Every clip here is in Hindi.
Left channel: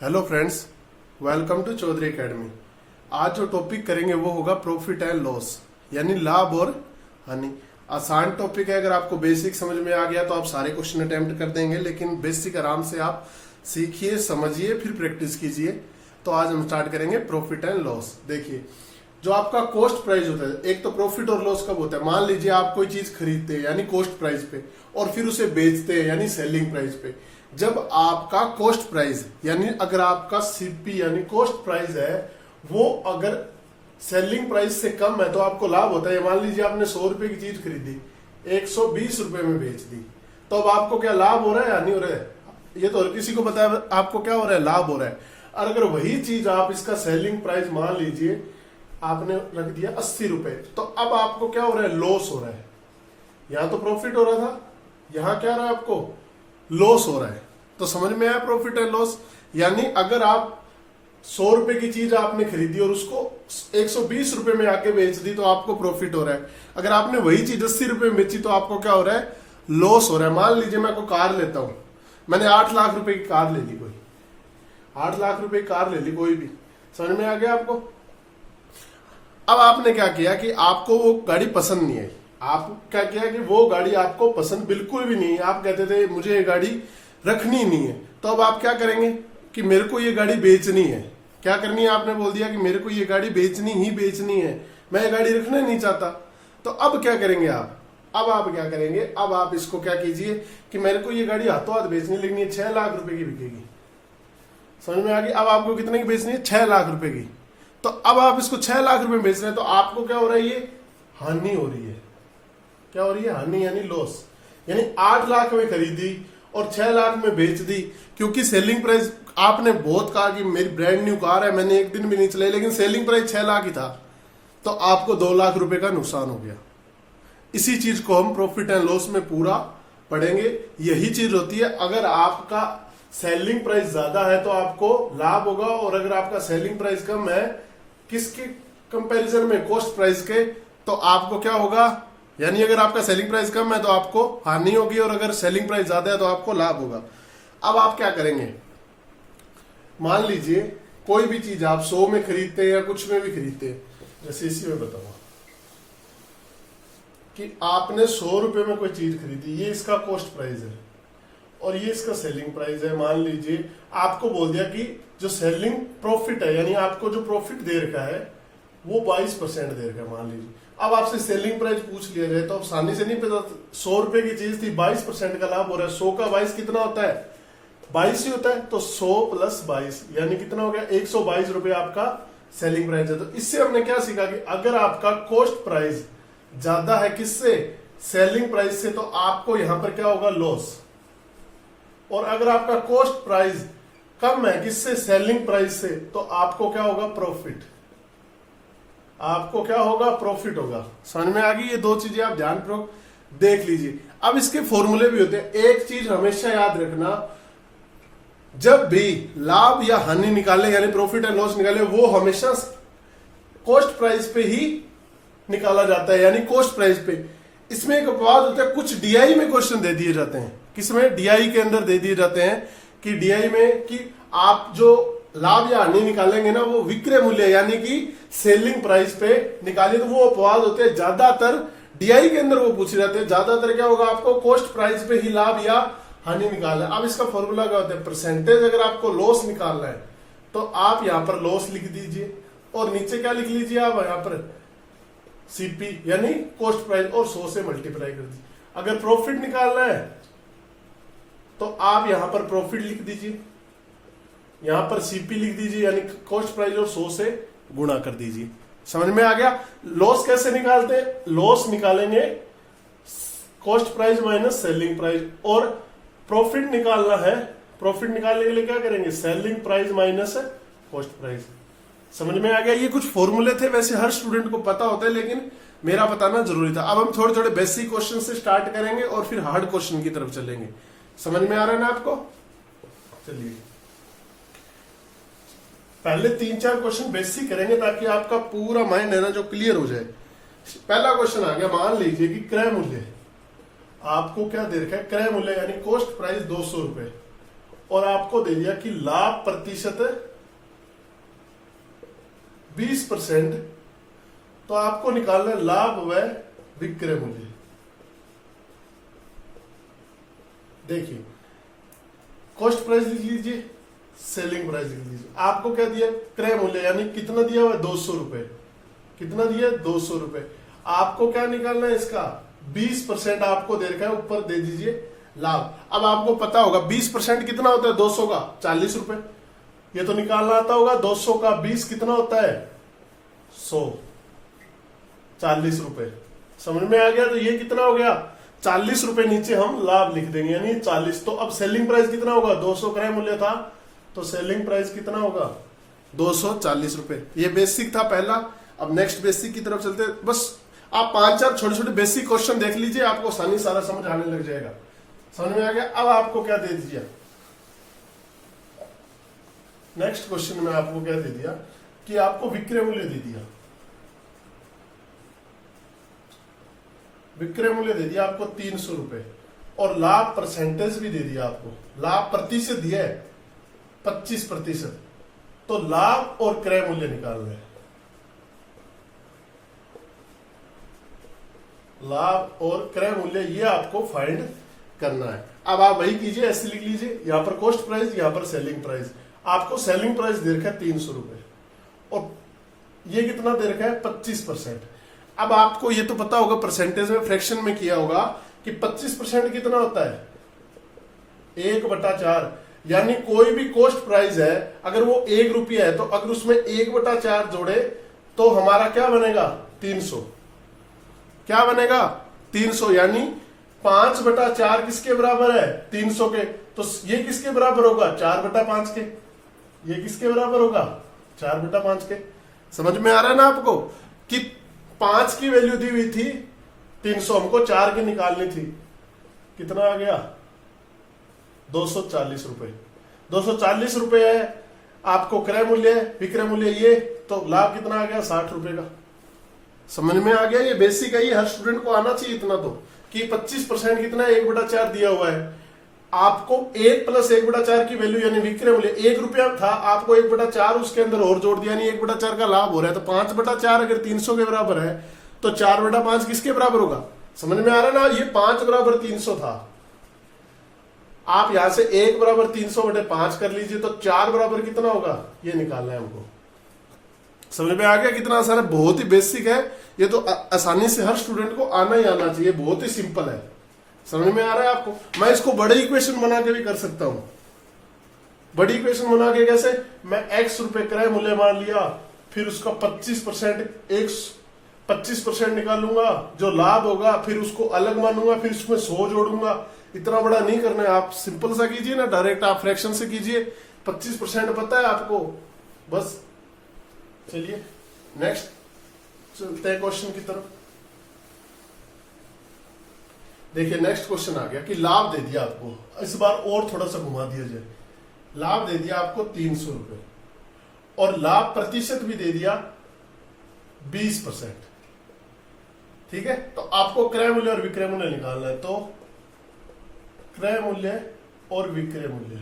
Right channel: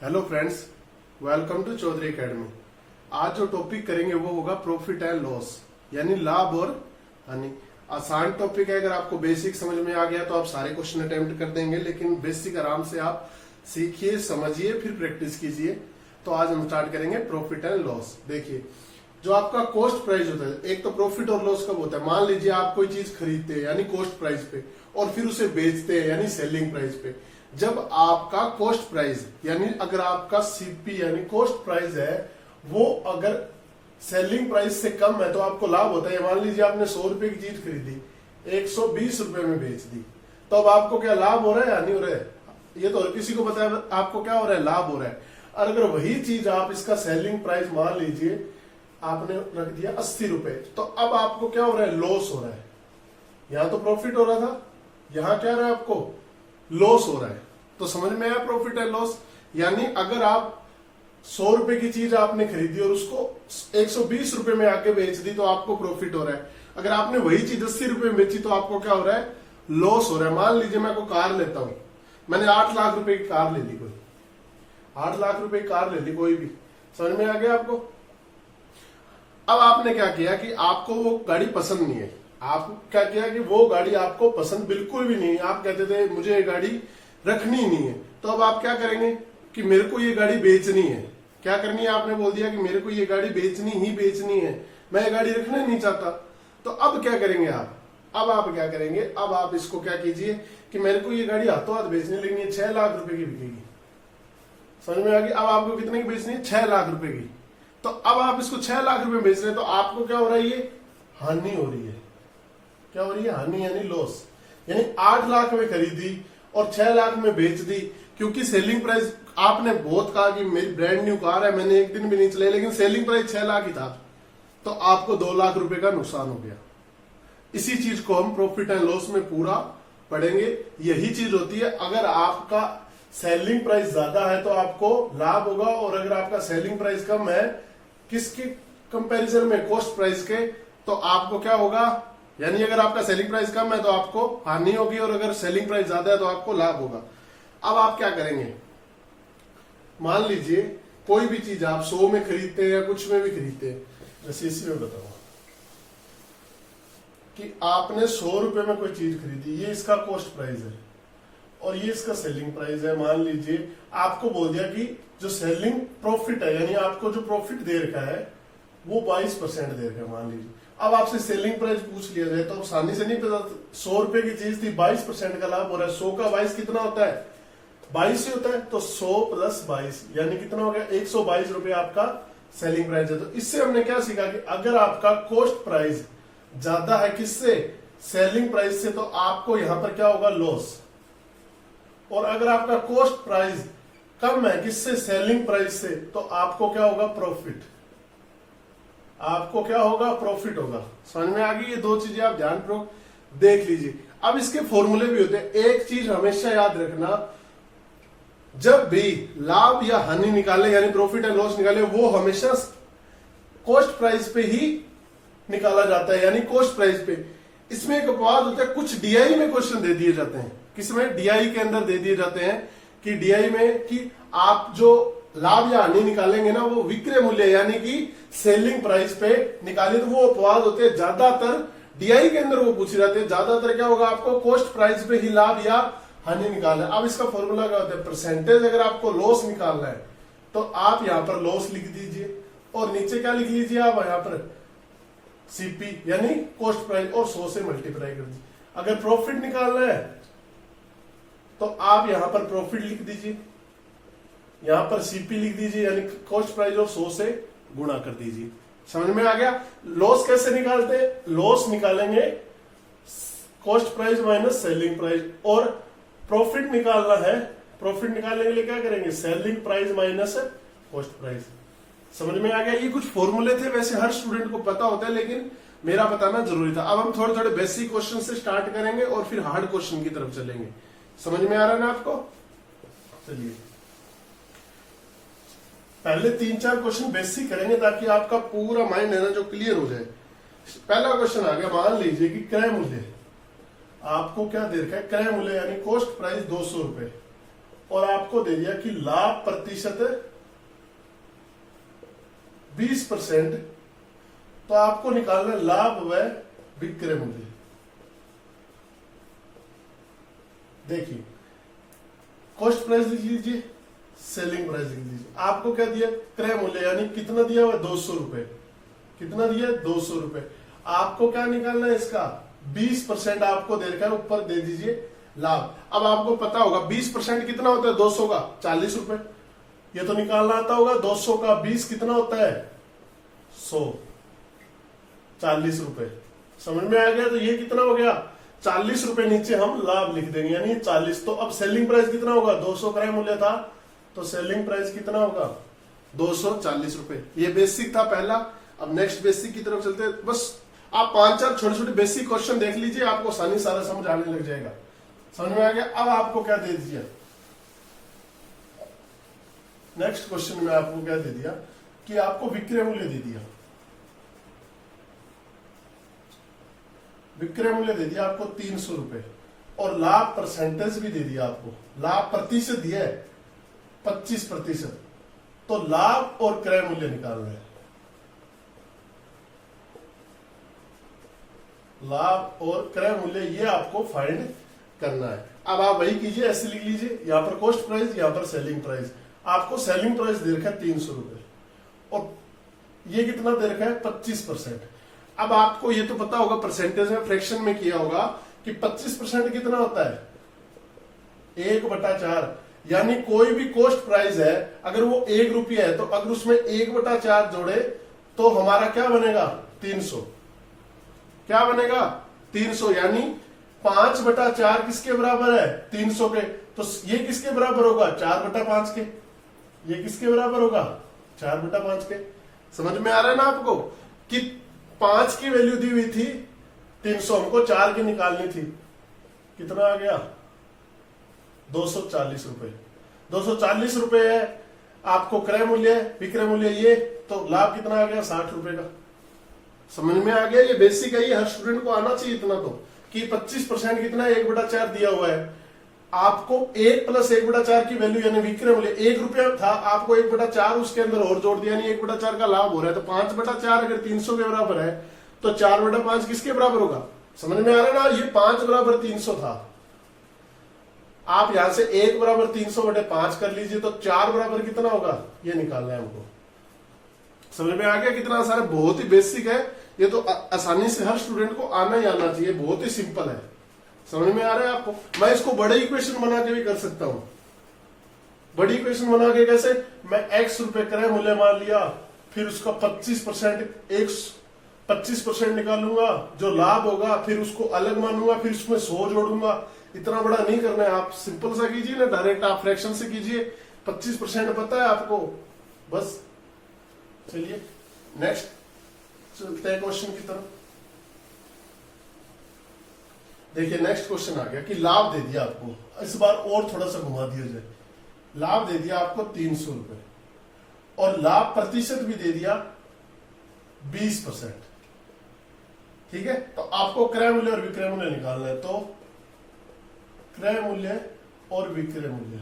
Hello friends, welcome to Chaudhary academy. आज जो टॉपिक करेंगे वो होगा प्रॉफिट एंड लॉस, यानी लाभ और हानि। आसान टॉपिक है, अगर आपको बेसिक समझ में आ गया तो आप सारे क्वेश्चन अटेम्प्ट कर देंगे, लेकिन बेसिक आराम से आप सीखिए, समझिए, फिर प्रैक्टिस कीजिए। तो आज हम स्टार्ट करेंगे प्रॉफिट एंड लॉस। देखिए, जो आपका कॉस्ट प्राइस होता है, एक तो प्रॉफिट और लॉस कब होता है। मान लीजिए आप कोई चीज खरीदते हैं यानी कॉस्ट प्राइस पे, और फिर उसे बेचते हैं यानी सेलिंग प्राइस पे। जब आपका कॉस्ट प्राइस यानी अगर आपका सीपी यानी कॉस्ट प्राइस है वो अगर सेलिंग प्राइस से कम है तो आपको लाभ होता है। मान लीजिए आपने 100 रुपए की चीज खरीदी, 120 रुपए में बेच दी, तो अब आपको क्या लाभ हो रहा है या नहीं हो रहा है? ये तो हर किसी को पता है आपको क्या हो रहा है, लाभ हो रहा है। और अगर वही चीज आप इसका सेलिंग प्राइस मान लीजिए आपने रख दिया 80 रुपए, तो अब आपको क्या हो रहा है, लॉस हो रहा है। यहां तो प्रॉफिट हो रहा था, यहां क्या रहा है, आपको लॉस हो रहा है। तो समझ में आया प्रॉफिट एंड लॉस। यानी अगर आप 100 रुपए की चीज आपने खरीदी और उसको 120 रुपए में आके बेच दी तो आपको प्रॉफिट हो रहा है। अगर आपने वही चीज 80 रुपए में बेची तो आपको क्या हो रहा है, लॉस हो रहा है। मान लीजिए मैं कोई कार लेता हूं, मैंने 8 लाख रुपए की कार ले ली, कोई 8 लाख रुपए की कार ले ली, कोई भी। समझ में आ गया आपको? अब आपने क्या किया कि आपको वो गाड़ी पसंद नहीं है। आप क्या किया कि वो गाड़ी आपको पसंद बिल्कुल भी नहीं है, आप कहते थे मुझे ये गाड़ी रखनी नहीं है। तो अब आप क्या करेंगे कि मेरे को ये गाड़ी बेचनी है। क्या करनी है, आपने बोल दिया कि मेरे को ये गाड़ी बेचनी ही बेचनी है, मैं ये गाड़ी रखना नहीं चाहता। तो अब क्या करेंगे आप? अब आप क्या करेंगे, अब आप इसको क्या कीजिए कि मेरे को ये गाड़ी हाथों हाथ बेचनी, लेकिन ये 6 लाख रुपए की बिकेगी। समझ में आ गई? अब आपको कितने की बेचनी है, 6 लाख रुपए की। तो अब आप इसको 6 लाख रुपए में बेच रहे हैं, तो आपको क्या हो रहा है, ये हानि हो रही है। क्या हो रही है, हानि यानी लॉस। यानी 8 लाख में खरीदी और 6 लाख में बेच दी, क्योंकि सेलिंग प्राइस आपने बहुत कहा कि मेरी ब्रांड न्यू कार है, मैंने एक दिन भी नहीं चलाई, लेकिन सेलिंग प्राइस 6 लाख ही था, तो आपको 2 लाख रुपए का नुकसान हो गया। इसी चीज को हम प्रॉफिट एंड लॉस में पूरा पढ़ेंगे। यही चीज होती है, अगर आपका सेलिंग प्राइस ज्यादा है तो आपको लाभ होगा, और अगर आपका सेलिंग प्राइस कम है किसके कंपैरिजन में, कॉस्ट प्राइस के, तो आपको क्या होगा, यानी अगर आपका सेलिंग प्राइस कम है तो आपको हानि होगी, और अगर सेलिंग प्राइस ज्यादा है तो आपको लाभ होगा। अब आप क्या करेंगे, मान लीजिए कोई भी चीज आप 100 में खरीदते हैं या कुछ में भी खरीदते हैं, जैसे इसी में बताऊंगा कि आपने 100 रुपए में कोई चीज खरीदी, ये इसका कॉस्ट प्राइस है और ये इसका सेलिंग प्राइस है। मान लीजिए आपको बोल दिया कि जो सेलिंग प्रॉफिट है, यानी आपको जो प्रॉफिट दे रखा है वो 22% दे रखा है, मान लीजिए। अब आपसे सेलिंग प्राइस पूछ लिया जाए तो आसानी से नहीं पता, 100 रुपए की चीज थी, 22% का लाभ हो रहा है। 100 का 22 कितना होता है, 22 ही होता है। तो 100 + 22 यानी कितना हो गया, 122 रुपए आपका सेलिंग प्राइस है। तो इससे हमने क्या सीखा कि अगर आपका कॉस्ट प्राइस ज्यादा है किससे, सेलिंग प्राइस से, तो आपको यहां पर क्या होगा, लॉस। और अगर आपका कॉस्ट प्राइस कम है किससे, सेलिंग प्राइस से, तो आपको क्या होगा, प्रॉफिट। आपको क्या होगा, प्रॉफिट होगा। समझ में आ गई? ये दो चीजें आप ध्यानपूर्वक देख लीजिए। अब इसके फॉर्मूले भी होते हैं। एक चीज हमेशा याद रखना, जब भी लाभ या हानि निकाले यानी प्रॉफिट एंड लॉस निकाले, वो हमेशा कॉस्ट प्राइस पे ही निकाला जाता है, यानी कॉस्ट प्राइस पे। इसमें एक अपवाद होता है, कुछ डीआई में क्वेश्चन दे दिए जाते हैं। किसमें, डीआई के अंदर दे दिए जाते हैं कि डीआई में कि आप जो लाभ या हानि निकालेंगे ना वो विक्रय मूल्य यानी कि सेलिंग प्राइस पे निकाले, तो वो अपवाद होते हैं। ज्यादातर डीआई के अंदर वो पूछे जाते हैं, ज्यादातर क्या होगा, आपको कॉस्ट प्राइस पे ही लाभ या हानि निकालना है। अब इसका फॉर्मूला क्या होता है, परसेंटेज। अगर आपको लॉस निकालना है तो आप यहां पर लॉस लिख दीजिए, और नीचे क्या लिख लीजिए, आप यहां पर सीपी यानी कॉस्ट प्राइस, और 100 से मल्टीप्लाई कर दीजिए। अगर प्रॉफिट निकालना है तो आप यहां पर प्रॉफिट लिख दीजिए, यहां पर सीपी लिख दीजिए यानी कॉस्ट प्राइस, और 100 से गुणा कर दीजिए। समझ में आ गया? लॉस कैसे निकालते हैं, लॉस निकालेंगे cost price minus selling price, और प्रॉफिट निकालना है, प्रॉफिट निकालने के लिए क्या करेंगे, selling price minus cost price. समझ में आ गया? ये कुछ फॉर्मूले थे, वैसे हर स्टूडेंट को पता होता है, लेकिन मेरा बताना जरूरी था। अब हम थोड़े थोड़े बेसिक क्वेश्चन से स्टार्ट करेंगे और फिर हार्ड क्वेश्चन की तरफ चलेंगे। समझ में आ रहा है ना आपको? चलिए पहले 3-4 क्वेश्चन बेसिक करेंगे ताकि आपका पूरा माइंड है ना जो क्लियर हो जाए। पहला क्वेश्चन आ गया, मान लीजिए कि क्रय मूल्य आपको क्या दे रखा है, क्रय मूल्य यानी कॉस्ट प्राइस 200 रुपए, और आपको दे दिया कि लाभ प्रतिशत 20%, तो आपको निकालना है लाभ व विक्रय मूल्य। देखिए कॉस्ट प्राइस लिख लीजिए, सेलिंग प्राइस लिख लीजिए। आपको क्या दिया, क्रय मूल्य यानी कितना दिया हुआ, 200 रुपए। कितना दिया, 200 रुपए। आपको क्या निकालना है इसका, 20% आपको दे रखा है, ऊपर दे दीजिए लाभ। अब आपको पता होगा 20% कितना होता है 200 का, 40 रुपए। ये तो निकालना आता होगा, 200 का 20 कितना होता है, 100, 40 रुपए। समझ में आ गया। तो ये कितना हो गया, 40 रुपए नीचे हम लाभ लिख देंगे यानी 40। तो अब सेलिंग प्राइस कितना होगा, 200 क्रय मूल्य था, तो सेलिंग प्राइस कितना होगा, 240 रुपए। ये बेसिक था पहला। अब नेक्स्ट बेसिक की तरफ चलते हैं। बस आप 5-4 छोटे छोटे बेसिक क्वेश्चन देख लीजिए, आपको आसानी सारा समझ आने लग जाएगा। समझ में आ गया। अब आपको क्या दे दीजिए, नेक्स्ट क्वेश्चन में आपको क्या दे दिया कि आपको विक्रय मूल्य दे दिया। विक्रय मूल्य दे दिया आपको 300 रुपए और लाभ परसेंटेज भी दे दिया आपको, लाभ प्रतिशत दिया है 25%। तो लाभ और क्रय मूल्य निकालना है। लाभ और क्रय मूल्य ये आपको फाइंड करना है। अब आप वही कीजिए, ऐसे लिख लीजिए, यहां पर कॉस्ट प्राइस, यहां पर सेलिंग प्राइस। आपको सेलिंग प्राइस दे रखा है 300 रुपए और ये कितना दे रखा है, 25%। अब आपको ये तो पता होगा, परसेंटेज में फ्रैक्शन में किया होगा कि 25% कितना होता है, 1/4। यानी कोई भी कॉस्ट प्राइस है, अगर वो 1 रुपया है, तो अगर उसमें 1/4 जोड़े तो हमारा क्या बनेगा, 300। क्या बनेगा, 300। यानी 5/4 किसके बराबर है, 300 के। तो ये किसके बराबर होगा, 4/5 के। ये किसके बराबर होगा, 4/5 के। समझ में आ रहा है ना आपको कि 5 की वैल्यू दी हुई थी 300, हमको 4 की निकालनी थी। कितना आ गया, 240 रुपए। 240 रुपए है आपको क्रय मूल्य, विक्रय मूल्य ये, तो लाभ कितना आ गया, 60 रुपए का। समझ में आ गया। ये बेसिक है, ये हर स्टूडेंट को आना चाहिए इतना तो, कि 25% कितना, 1/4 दिया हुआ है। आपको 1 + 1/4 की वैल्यू यानी विक्रय मूल्य 1 रुपया था, आपको 1/4 उसके अंदर और जोड़ दिया, यानी 1/4 का लाभ हो रहा है। तो 5/4 अगर 300 के बराबर है तो 4/5 किसके बराबर होगा। समझ में आ रहा है ना। ये 5 = 300 था। आप यहां से 1 = 300/5 कर लीजिए, तो 4 बराबर कितना होगा, ये निकालना है हमको। समझ में आ गया कितना आसान है, बहुत ही बेसिक है। ये तो आसानी से हर स्टूडेंट को आना ही आना चाहिए, बहुत ही सिंपल है। समझ में आ रहा है आपको। मैं इसको बड़े इक्वेशन बना के भी कर सकता हूं। बड़ी इक्वेशन बना के कैसे, मैं x रुपए क्रय मूल्य मान लिया, फिर उसका 25% निकालूंगा जो लाभ होगा, फिर उसको अलग मानूंगा, फिर उसमें 100 जोड़ूंगा। इतना बड़ा नहीं करना है, आप सिंपल सा कीजिए ना, डायरेक्ट आप फ्रैक्शन से कीजिए। 25% पता है आपको, बस। चलिए नेक्स्ट चलते हैं क्वेश्चन की तरफ। देखिए नेक्स्ट क्वेश्चन आ गया कि लाभ दे दिया आपको, इस बार और थोड़ा सा घुमा दिया जाए। लाभ दे दिया आपको 300 रुपए और लाभ प्रतिशत भी दे दिया 20%। ठीक है, तो आपको क्रय मूल्य और विक्रय मूल्य निकालना है। तो क्रय मूल्य और विक्रय मूल्य,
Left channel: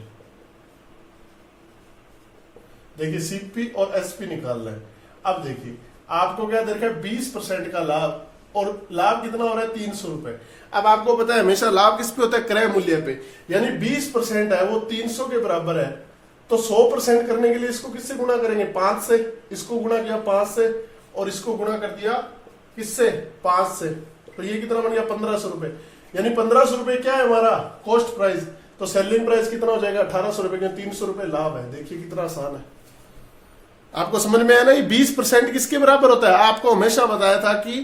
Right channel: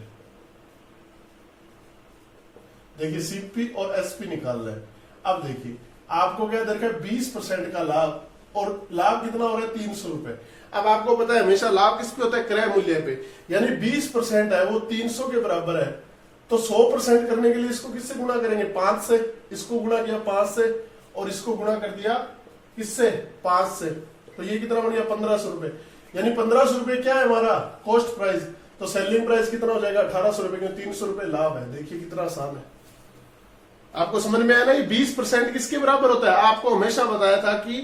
देखिए सीपी और एसपी निकालना है। अब देखिए आपको क्या दे रखा है, 20% का लाभ, और लाभ कितना हो रहा है, 300 रुपए। अब आपको पता है हमेशा लाभ किस पे होता है, क्रय मूल्य पे। यानी 20% है वो 300 के बराबर है, तो 100% करने के लिए इसको किससे गुणा करेंगे, 5 से। इसको गुणा किया 5 से और इसको गुणा कर दिया किससे, 5 से। तो ये कितना बन गया, 1500 रुपए। यानी 1500 रुपए क्या है हमारा कॉस्ट प्राइस, तो सेलिंग प्राइस कितना हो जाएगा, 1800 रुपए। 300 रुपए लाभ है। देखिए कितना आसान है। आपको समझ में आया ना। 20% किसके बराबर होता है, आपको हमेशा बताया था कि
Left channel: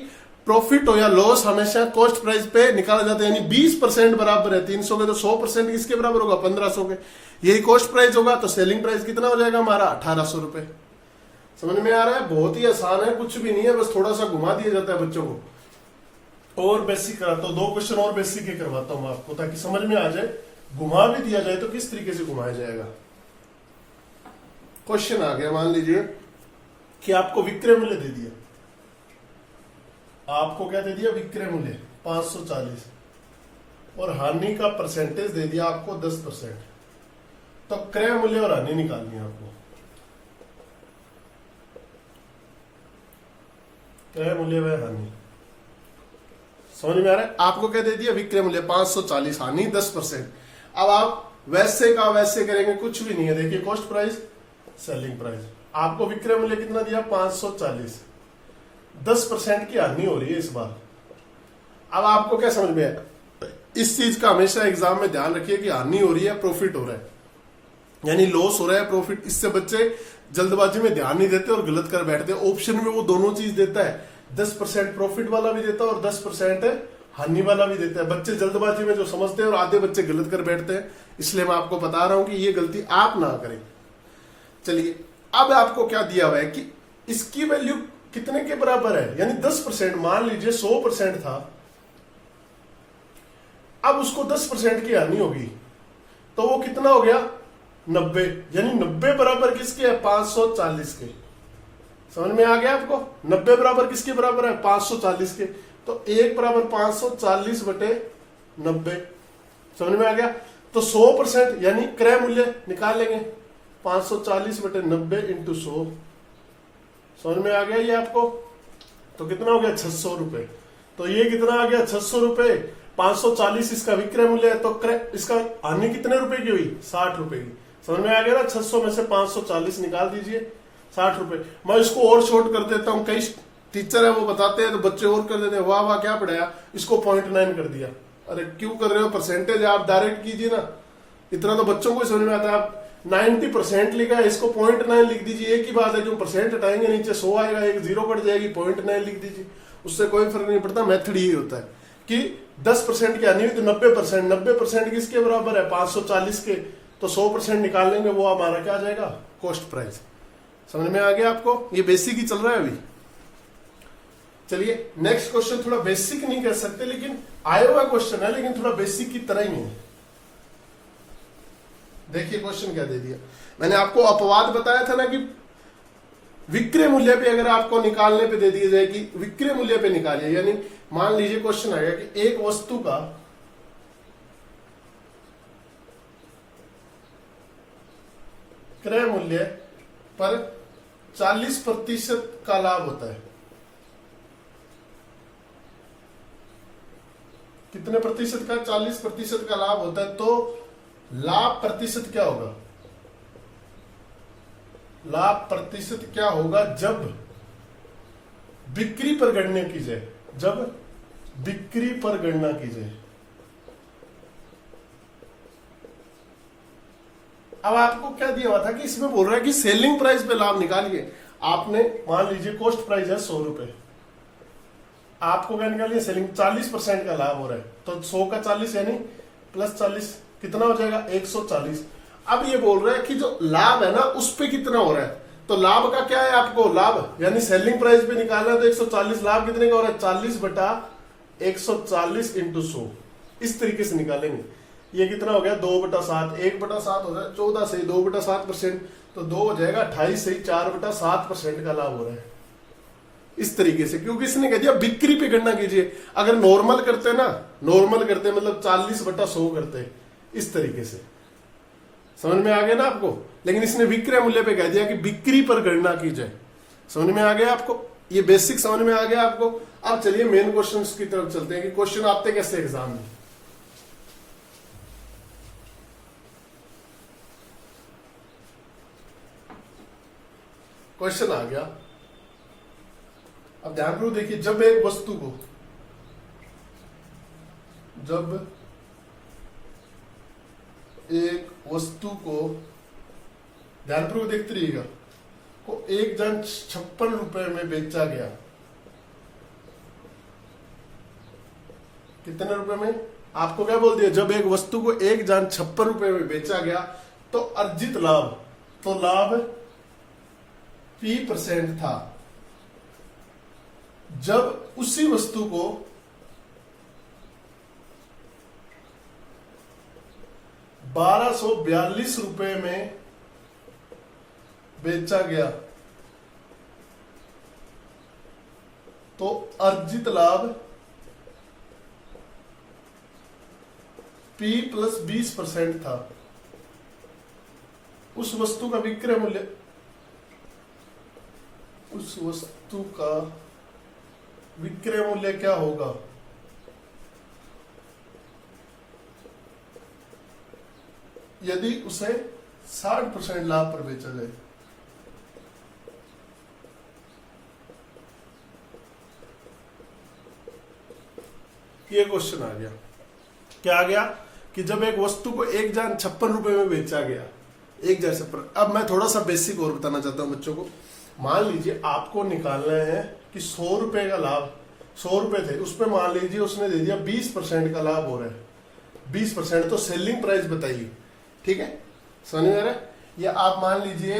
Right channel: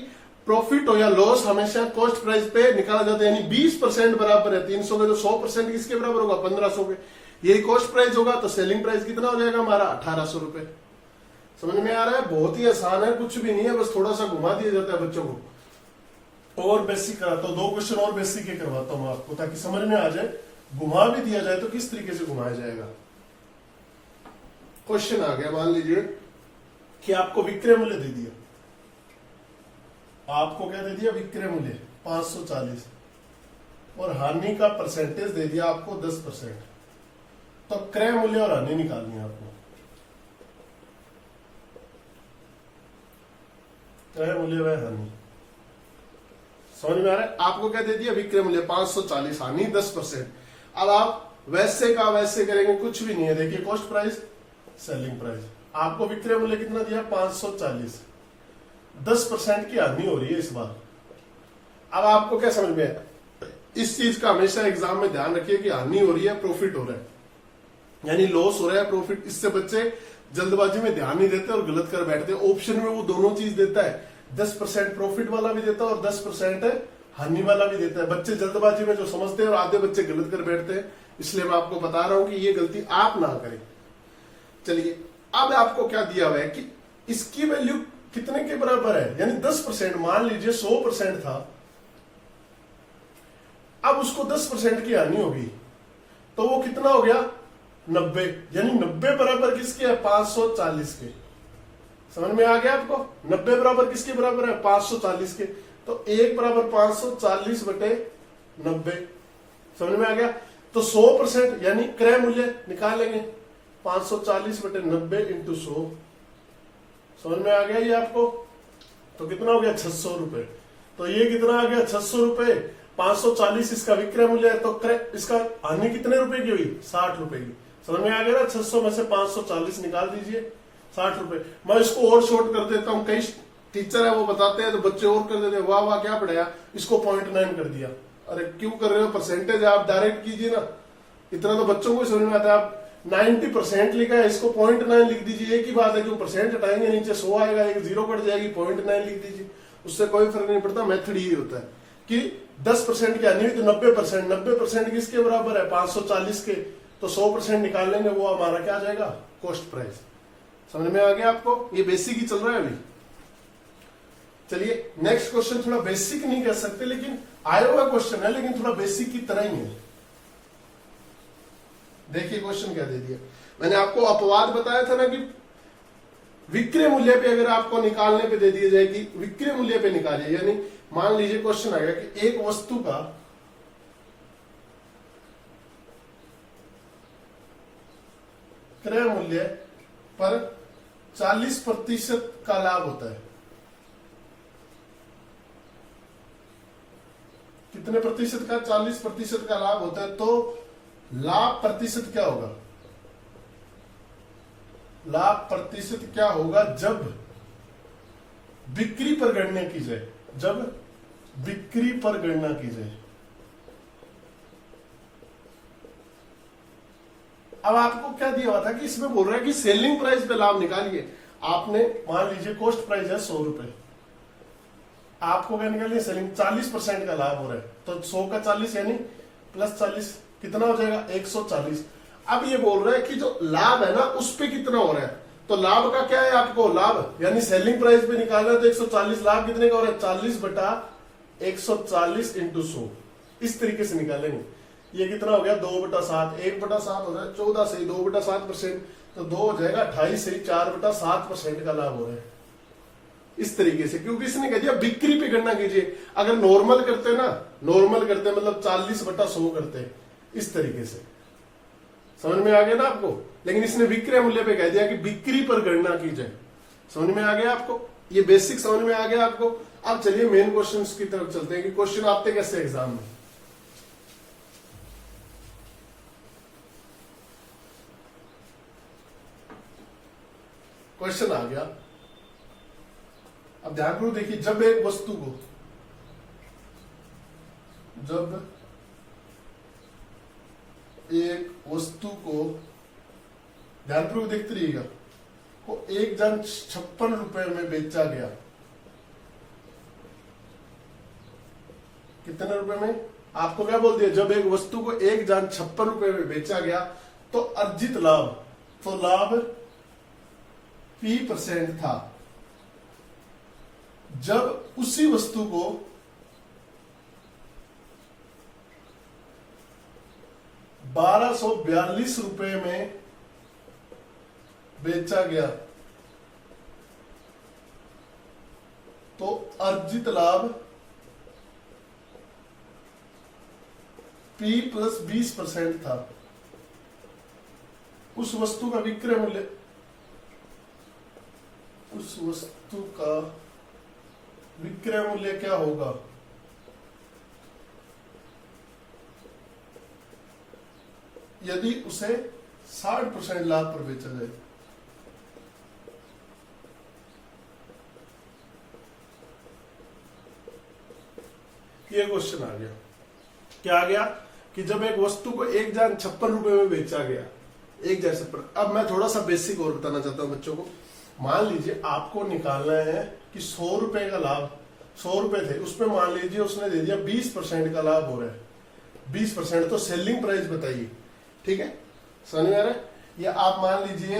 प्रॉफिट हो या लॉस हमेशा कॉस्ट प्राइस पे निकाला जाता है। यानी 20% बराबर है 300 के, तो 100% किसके बराबर होगा, 1500 के। यही कॉस्ट प्राइस होगा, तो सेलिंग प्राइस कितना हो जाएगा हमारा, 1800 रुपए। समझ में आ रहा है, बहुत ही आसान है, कुछ भी नहीं है, बस थोड़ा सा घुमा दिया जाता है बच्चों को। और बेसिक कराता हूं, 2 क्वेश्चन और बेसिक के करवाता हूं आपको, ताकि समझ में आ जाए। घुमा भी दिया जाए तो किस तरीके से घुमाया जाएगा। क्वेश्चन आ गया, मान लीजिए कि आपको विक्रय मूल्य दे दिया, आपको क्या दे दिया, विक्रय मूल्य 540 और हानि का परसेंटेज दे दिया आपको 10%। तो क्रय मूल्य और हानि निकालनी है आपको। क्रय मूल्य व हानि समझ में आ रहा है। आपको क्या दे दिया, विक्रय मूल्य 540, हानि 10%। अब आप वैसे का वैसे करेंगे, कुछ भी नहीं है। देखिए कॉस्ट प्राइस, सेलिंग प्राइस, आपको विक्रय मूल्य कितना दिया 540, 10% की हानि हो रही है इस बार। अब आपको क्या समझ में आया, इस चीज का हमेशा एग्जाम में ध्यान रखिए कि हानि हो रही है, प्रॉफिट हो रहा है, यानी लॉस हो रहा है, प्रॉफिट। इससे बच्चे जल्दबाजी में ध्यान नहीं देते और गलत कर बैठते। ऑप्शन में वो दोनों चीज देता है, 10% प्रॉफिट वाला भी देता है और 10% हानि वाला भी देता है। बच्चे जल्दबाजी में जो समझते हैं और आधे बच्चे गलत कर बैठते हैं, इसलिए मैं आपको बता रहा हूं कि ये गलती आप ना करें। चलिए अब आपको क्या दिया हुआ है कि इसकी वैल्यू कितने के बराबर है, यानी 10%। मान लीजिए 100% था, अब उसको 10% की हानि होगी तो वो कितना हो गया 90, यानी 90 बराबर किसके है 540 के। समझ में आ गया आपको, 90 बराबर किसके बराबर है 540 के। तो 1 बराबर 540 बटे 90, समझ में आ गया। तो 100% यानी क्रय मूल्य निकाल लेंगे, 540 बटे 90 इंटू 100, समझ में आ गया ये आपको। तो कितना हो गया 600 रुपए। तो ये कितना आ गया 600 रुपए, 540 इसका विक्रय मूल्य है, तो क्रय इसका हानि कितने रुपए की हुई 60 रुपए की। समझ में आ गया ना, 600 में से 540 निकाल दीजिए, 60 रुपए। मैं इसको और शॉर्ट कर देता हूं, कई टीचर है वो बताते हैं तो बच्चे और कर देते हैं, वाह वाह क्या पढ़ाया, इसको 0.9 कर दिया। अरे क्यों कर रहे हो, परसेंटेज आप डायरेक्ट कीजिए ना, इतना तो बच्चों को समझ में आता है। आप 90% लिखा है, इसको 0.9 लिख दीजिए, एक ही बात है। जो परसेंट हटाएंगे नीचे 100 आएगा, एक जीरो कट जाएगी, 0.9 लिख दीजिए, उससे कोई फर्क नहीं पड़ता। मेथड यही होता है कि 10% की हानि तो 90%, 90% किसके बराबर है 540 के, तो 100% निकाल लेंगे, वो हमारा क्या आ जाएगा कॉस्ट प्राइस। समझ में आ गया आपको, ये बेसिक ही चल रहा है अभी। चलिए नेक्स्ट क्वेश्चन, थोड़ा बेसिक नहीं कह सकते लेकिन आया हुआ क्वेश्चन है, लेकिन थोड़ा बेसिक की तरह ही है। देखिए क्वेश्चन क्या दे दिया, मैंने आपको अपवाद बताया था ना कि विक्रय मूल्य पे अगर आपको निकालने पे दे दिया जाए कि विक्रय मूल्य पे निकालिए, यानी मान लीजिए क्वेश्चन आएगा कि एक वस्तु का क्रय मूल्य पर 40% का लाभ होता है। कितने प्रतिशत का 40% का लाभ होता है, तो लाभ प्रतिशत क्या होगा, लाभ प्रतिशत क्या होगा जब बिक्री पर गणना की जाए, जब बिक्री पर गणना की जाए। अब आपको क्या दिया हुआ था कि इसमें बोल रहा है कि सेलिंग प्राइस पे लाभ निकालिए। आपने मान लीजिए कॉस्ट प्राइस है 100 रुपए, आपको क्या निकालिए सेलिंग, 40% का लाभ हो रहा है, तो 100 का 40 यानी प्लस 40 कितना हो जाएगा 140। अब ये बोल रहा है कि जो लाभ है ना उस पे कितना हो रहा है, तो लाभ का क्या है आपको, लाभ यानी सेलिंग प्राइस पे निकालना है, तो 140, लाभ कितने का हो रहा है 40 बटा 140 इंटू 100, इस तरीके से निकालेंगे। ये कितना हो गया 2/7, 1/7 हो रहा है 14 से 2/7%, तो 2 हो जाएगा 28 से 4/7% का लाभ हो रहा है, इस तरीके से। क्योंकि इसने कह दिया बिक्री पे गणना कीजिए। अगर नॉर्मल करते ना, नॉर्मल करते मतलब 40/100 करते, इस तरीके से। समझ में आ गया ना आपको, लेकिन इसने विक्रय मूल्य पे कह दिया कि बिक्री पर गणना की जाए। समझ में आ गया आपको, ये बेसिक समझ में आ गया आपको। अब चलिए मेन क्वेश्चन की तरफ चलते हैं कि क्वेश्चन आते कैसे एग्जाम में। क्वेश्चन आ गया, अब ध्यानपूर्वक देखिए, जब एक वस्तु को, जब एक वस्तु को, ध्यानपूर्वक देखते रहिएगा, को 1,56 रुपए में बेचा गया, कितने रुपए में, आपको क्या बोल दिया, जब एक वस्तु को 1,56 रुपए में बेचा गया तो अर्जित लाभ, तो लाभ P% था। जब उसी वस्तु को 1242 रुपए में बेचा गया तो अर्जित लाभ P + 20% था। उस वस्तु का विक्रय मूल्य, उस वस्तु का विक्रय मूल्य क्या होगा, यदि उसे 60% लाभ पर बेचा जाए। ये क्वेश्चन आ गया। क्या आ गया कि जब एक वस्तु को 1,56 में बेचा गया, 1,56। अब मैं थोड़ा सा बेसिक और बताना चाहता हूं बच्चों को। मान लीजिए आपको निकालना है कि 100 रुपए का लाभ, 100 रुपए थे, उसमें मान लीजिए उसने दे दिया 20% का लाभ हो रहा है। 20% तो सेलिंग प्राइस बताइए, ठीक है, समझ में आ रहा है। ये आप मान लीजिए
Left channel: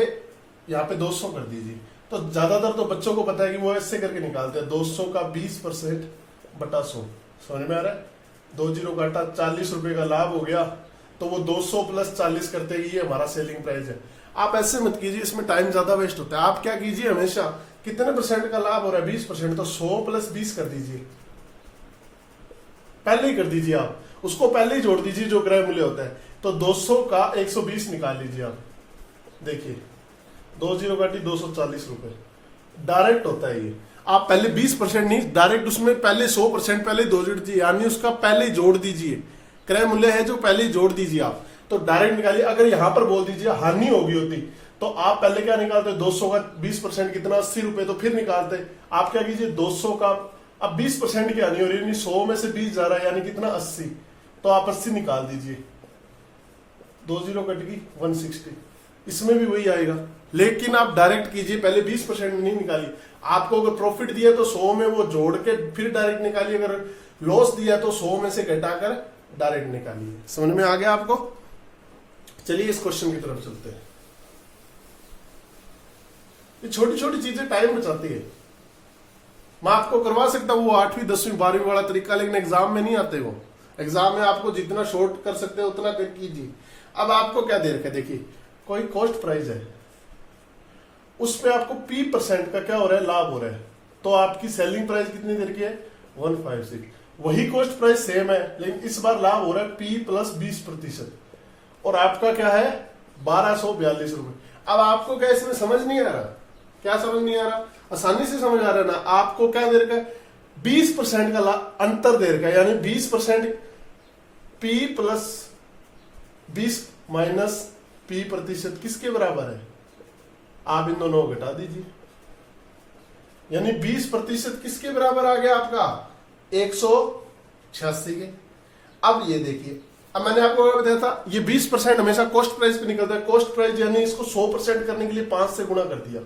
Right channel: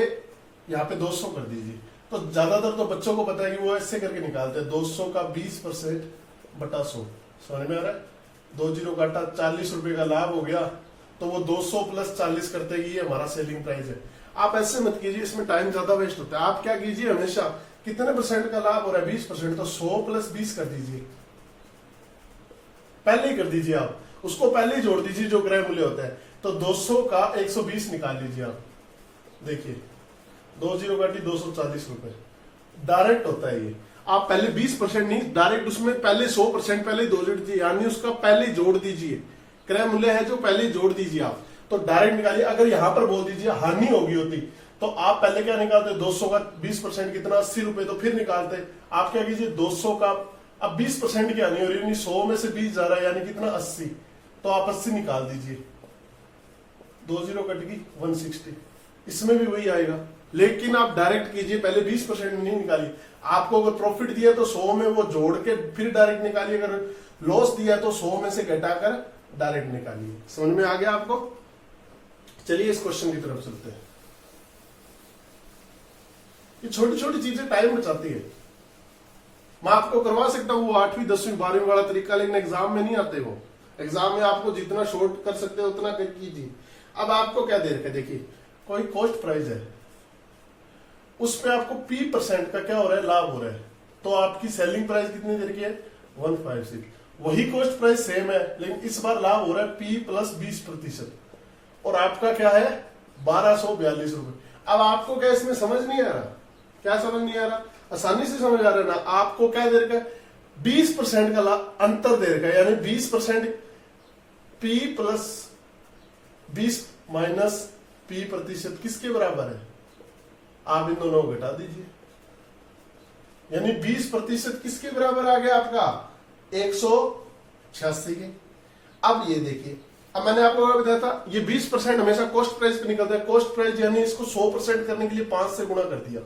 यहाँ पे 200 कर दीजिए। तो ज्यादातर तो बच्चों को पता है कि वो ऐसे करके निकालते हैं, 200 का 20% बटा 100। समझ में आ रहा है। 2 0 काटा, 40 रुपए का लाभ हो गया, तो वो 200 प्लस 40 करते ही ये हमारा सेलिंग प्राइस है। आप ऐसे मत कीजिए, इसमें टाइम ज्यादा वेस्ट होता है। आप क्या कीजिए, हमेशा कितने परसेंट का लाभ हो रहा है, 20%, तो 100 प्लस 20 कर दीजिए, पहले ही कर दीजिए। आप उसको पहले ही जोड़ दीजिए जो क्रय मूल्य होता है। तो 200 का 120 निकाल लीजिए आप। देखिए 2 0 काटी, 240 रुपए डायरेक्ट होता है ये। आप पहले 20% नहीं, डायरेक्ट उसमें पहले 100% पहले जोड़ दीजिए, यानी उसका पहले जोड़ दीजिए। क्रय मूल्य है जो पहले जोड़ दीजिए आप, तो डायरेक्ट निकालिए। अगर यहां पर बोल दीजिए हानि होगी होती, तो आप पहले क्या निकालते, 200 का 20% कितना, 80 रुपए, तो फिर निकालते। आप क्या कीजिए, 200 का अब 20% की हानि हो रही है, 100 में से 20 जा रहा है, यानी कितना, 80, तो आप 80 निकाल दीजिए। 2 0 कट गई, 160। इसमें भी वही आएगा, लेकिन आप डायरेक्ट कीजिए, पहले 20% नहीं निकालिए। आपको अगर प्रॉफिट दिया तो 100 में वो जोड़ के फिर डायरेक्ट निकालिए, अगर लॉस दिया तो 100 में से घटाकर डायरेक्ट निकालिए। समझ में आ गया आपको। चलिए इस क्वेश्चन की तरफ चलते हैं। ये छोटी छोटी चीजें टाइम बचाती है। मैं आपको करवा सकता हूँ वो 8वीं 10वीं 12वीं वाला तरीका, लेकिन एग्जाम में नहीं आते वो। एग्जाम में आपको जितना शॉर्ट कर सकते हो उतना कर कीजिए। अब आपको क्या दे रखा है, देखिए कोई कॉस्ट प्राइस है, उसमें आपको P% का क्या हो रहा है, लाभ हो रहा है। तो आपकी सेलिंग प्राइस कितनी दे रखी है, 156। वही कॉस्ट प्राइस सेम है, लेकिन इस बार लाभ हो रहा है P प्लस 20%, और आपका क्या है, 1242 रुपए। अब आपको क्या इसमें समझ नहीं आ रहा, क्या समझ नहीं आ रहा, आसानी से समझ आ रहा है ना। आपको क्या दे रखा है, 20% का अंतर दे रखा है, यानी 20% P प्लस 20 माइनस P% किसके बराबर है, आप इन दोनों को घटा दीजिए, यानी 20% किसके बराबर आ गया आपका, 186 के। अब ये देखिए, अब मैंने आपको क्या बताया था, ये 20% हमेशा कॉस्ट प्राइस पे निकलता है। कॉस्ट प्राइस यानी इसको 100% करने के लिए 5 से गुणा कर दिया,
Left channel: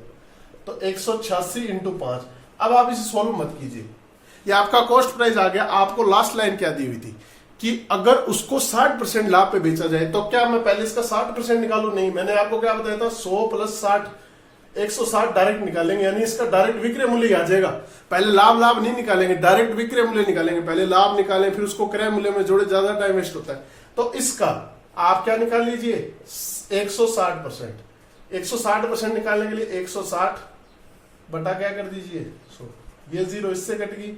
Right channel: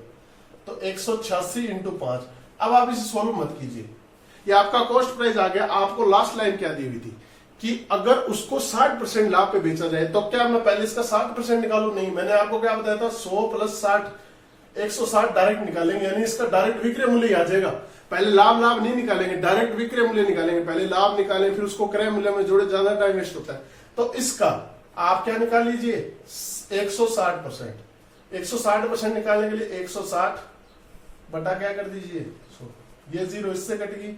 तो 186 इंटू 5। अब आप इसे सोल्व मत कीजिए, ये आपका कॉस्ट प्राइस आ गया। आपको लास्ट लाइन क्या दी हुई थी कि अगर उसको 60% लाभ पे बेचा जाए, तो क्या मैं पहले इसका 60% निकालू, नहीं, मैंने आपको क्या बताया था, 100 प्लस 60, 160 डायरेक्ट निकालेंगे, यानी इसका डायरेक्ट विक्रय मूल्य आ जाएगा। पहले लाभ नहीं निकालेंगे, डायरेक्ट विक्रय मूल्य निकालेंगे। पहले लाभ निकालें, फिर उसको क्रय मूल्य में जोड़े, ज्यादा टाइम वेस्ट होता है। तो इसका आप क्या निकाल लीजिए, 160%। 160% निकालने के लिए 160 बटा क्या कर दीजिए 100। ये 0 इससे कट गई,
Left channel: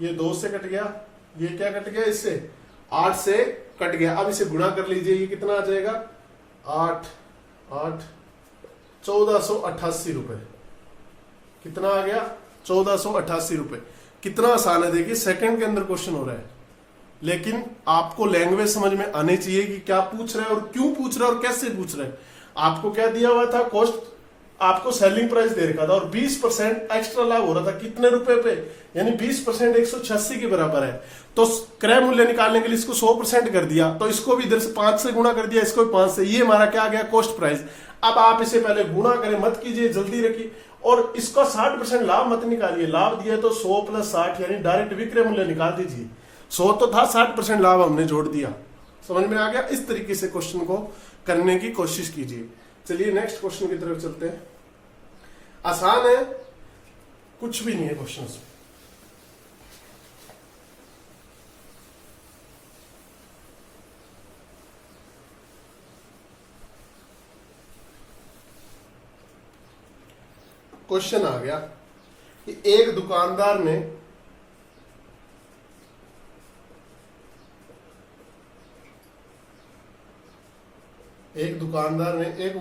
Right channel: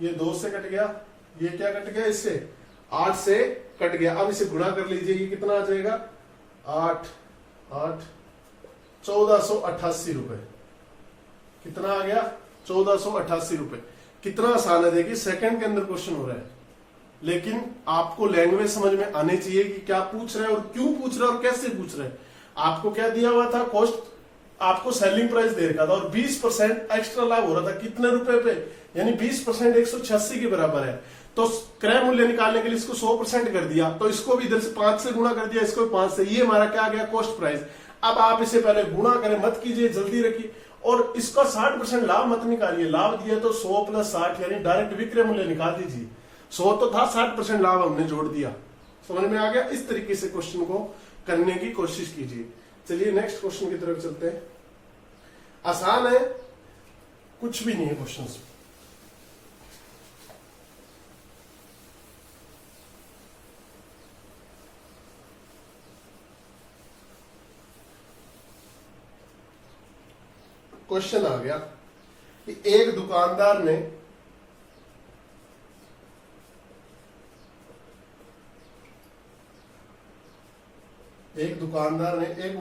ये 2 से कट गया, ये क्या कट गया, इससे 8 से कट गया। अब इसे गुणा कर लीजिए, ये कितना आ जाएगा, 8 8 1488 रुपए। कितना आ गया, 1488 रुपए। कितना आसान है, देखिए सेकंड के अंदर क्वेश्चन हो रहा है, लेकिन आपको लैंग्वेज समझ में आनी चाहिए कि क्या पूछ रहा है और क्यों पूछ रहा है और कैसे पूछ रहा है। आपको क्या दिया हुआ था, कॉस्ट, आपको सेलिंग प्राइस दे रखा था और 20% एक्स्ट्रा लाभ हो रहा था, कितने रुपए पे, यानी 20% 186 के बराबर है। तो क्रय मूल्य निकालने के लिए इसको 100% कर दिया, तो इसको भी इधर से 5 से गुणा कर दिया, इसको भी 5 से। ये हमारा क्या आ गया, कॉस्ट प्राइस। अब आप इसे पहले गुणा करें, मत कीजिए, जल्दी रखिए, और इसका 60% लाभ मत निकालिए। लाभ दिया तो 100 प्लस 60, यानी डायरेक्ट विक्रय मूल्य निकाल दीजिए। 100 तो था, 60% लाभ हमने जोड़ दिया। समझ में आ गया। इस तरीके से क्वेश्चन को करने की कोशिश कीजिए। चलिए नेक्स्ट क्वेश्चन की तरफ चलते हैं। आसान है, कुछ भी नहीं है क्वेश्चन। क्वेश्चन आ गया कि एक दुकानदार ने एक दुकानदार ने एक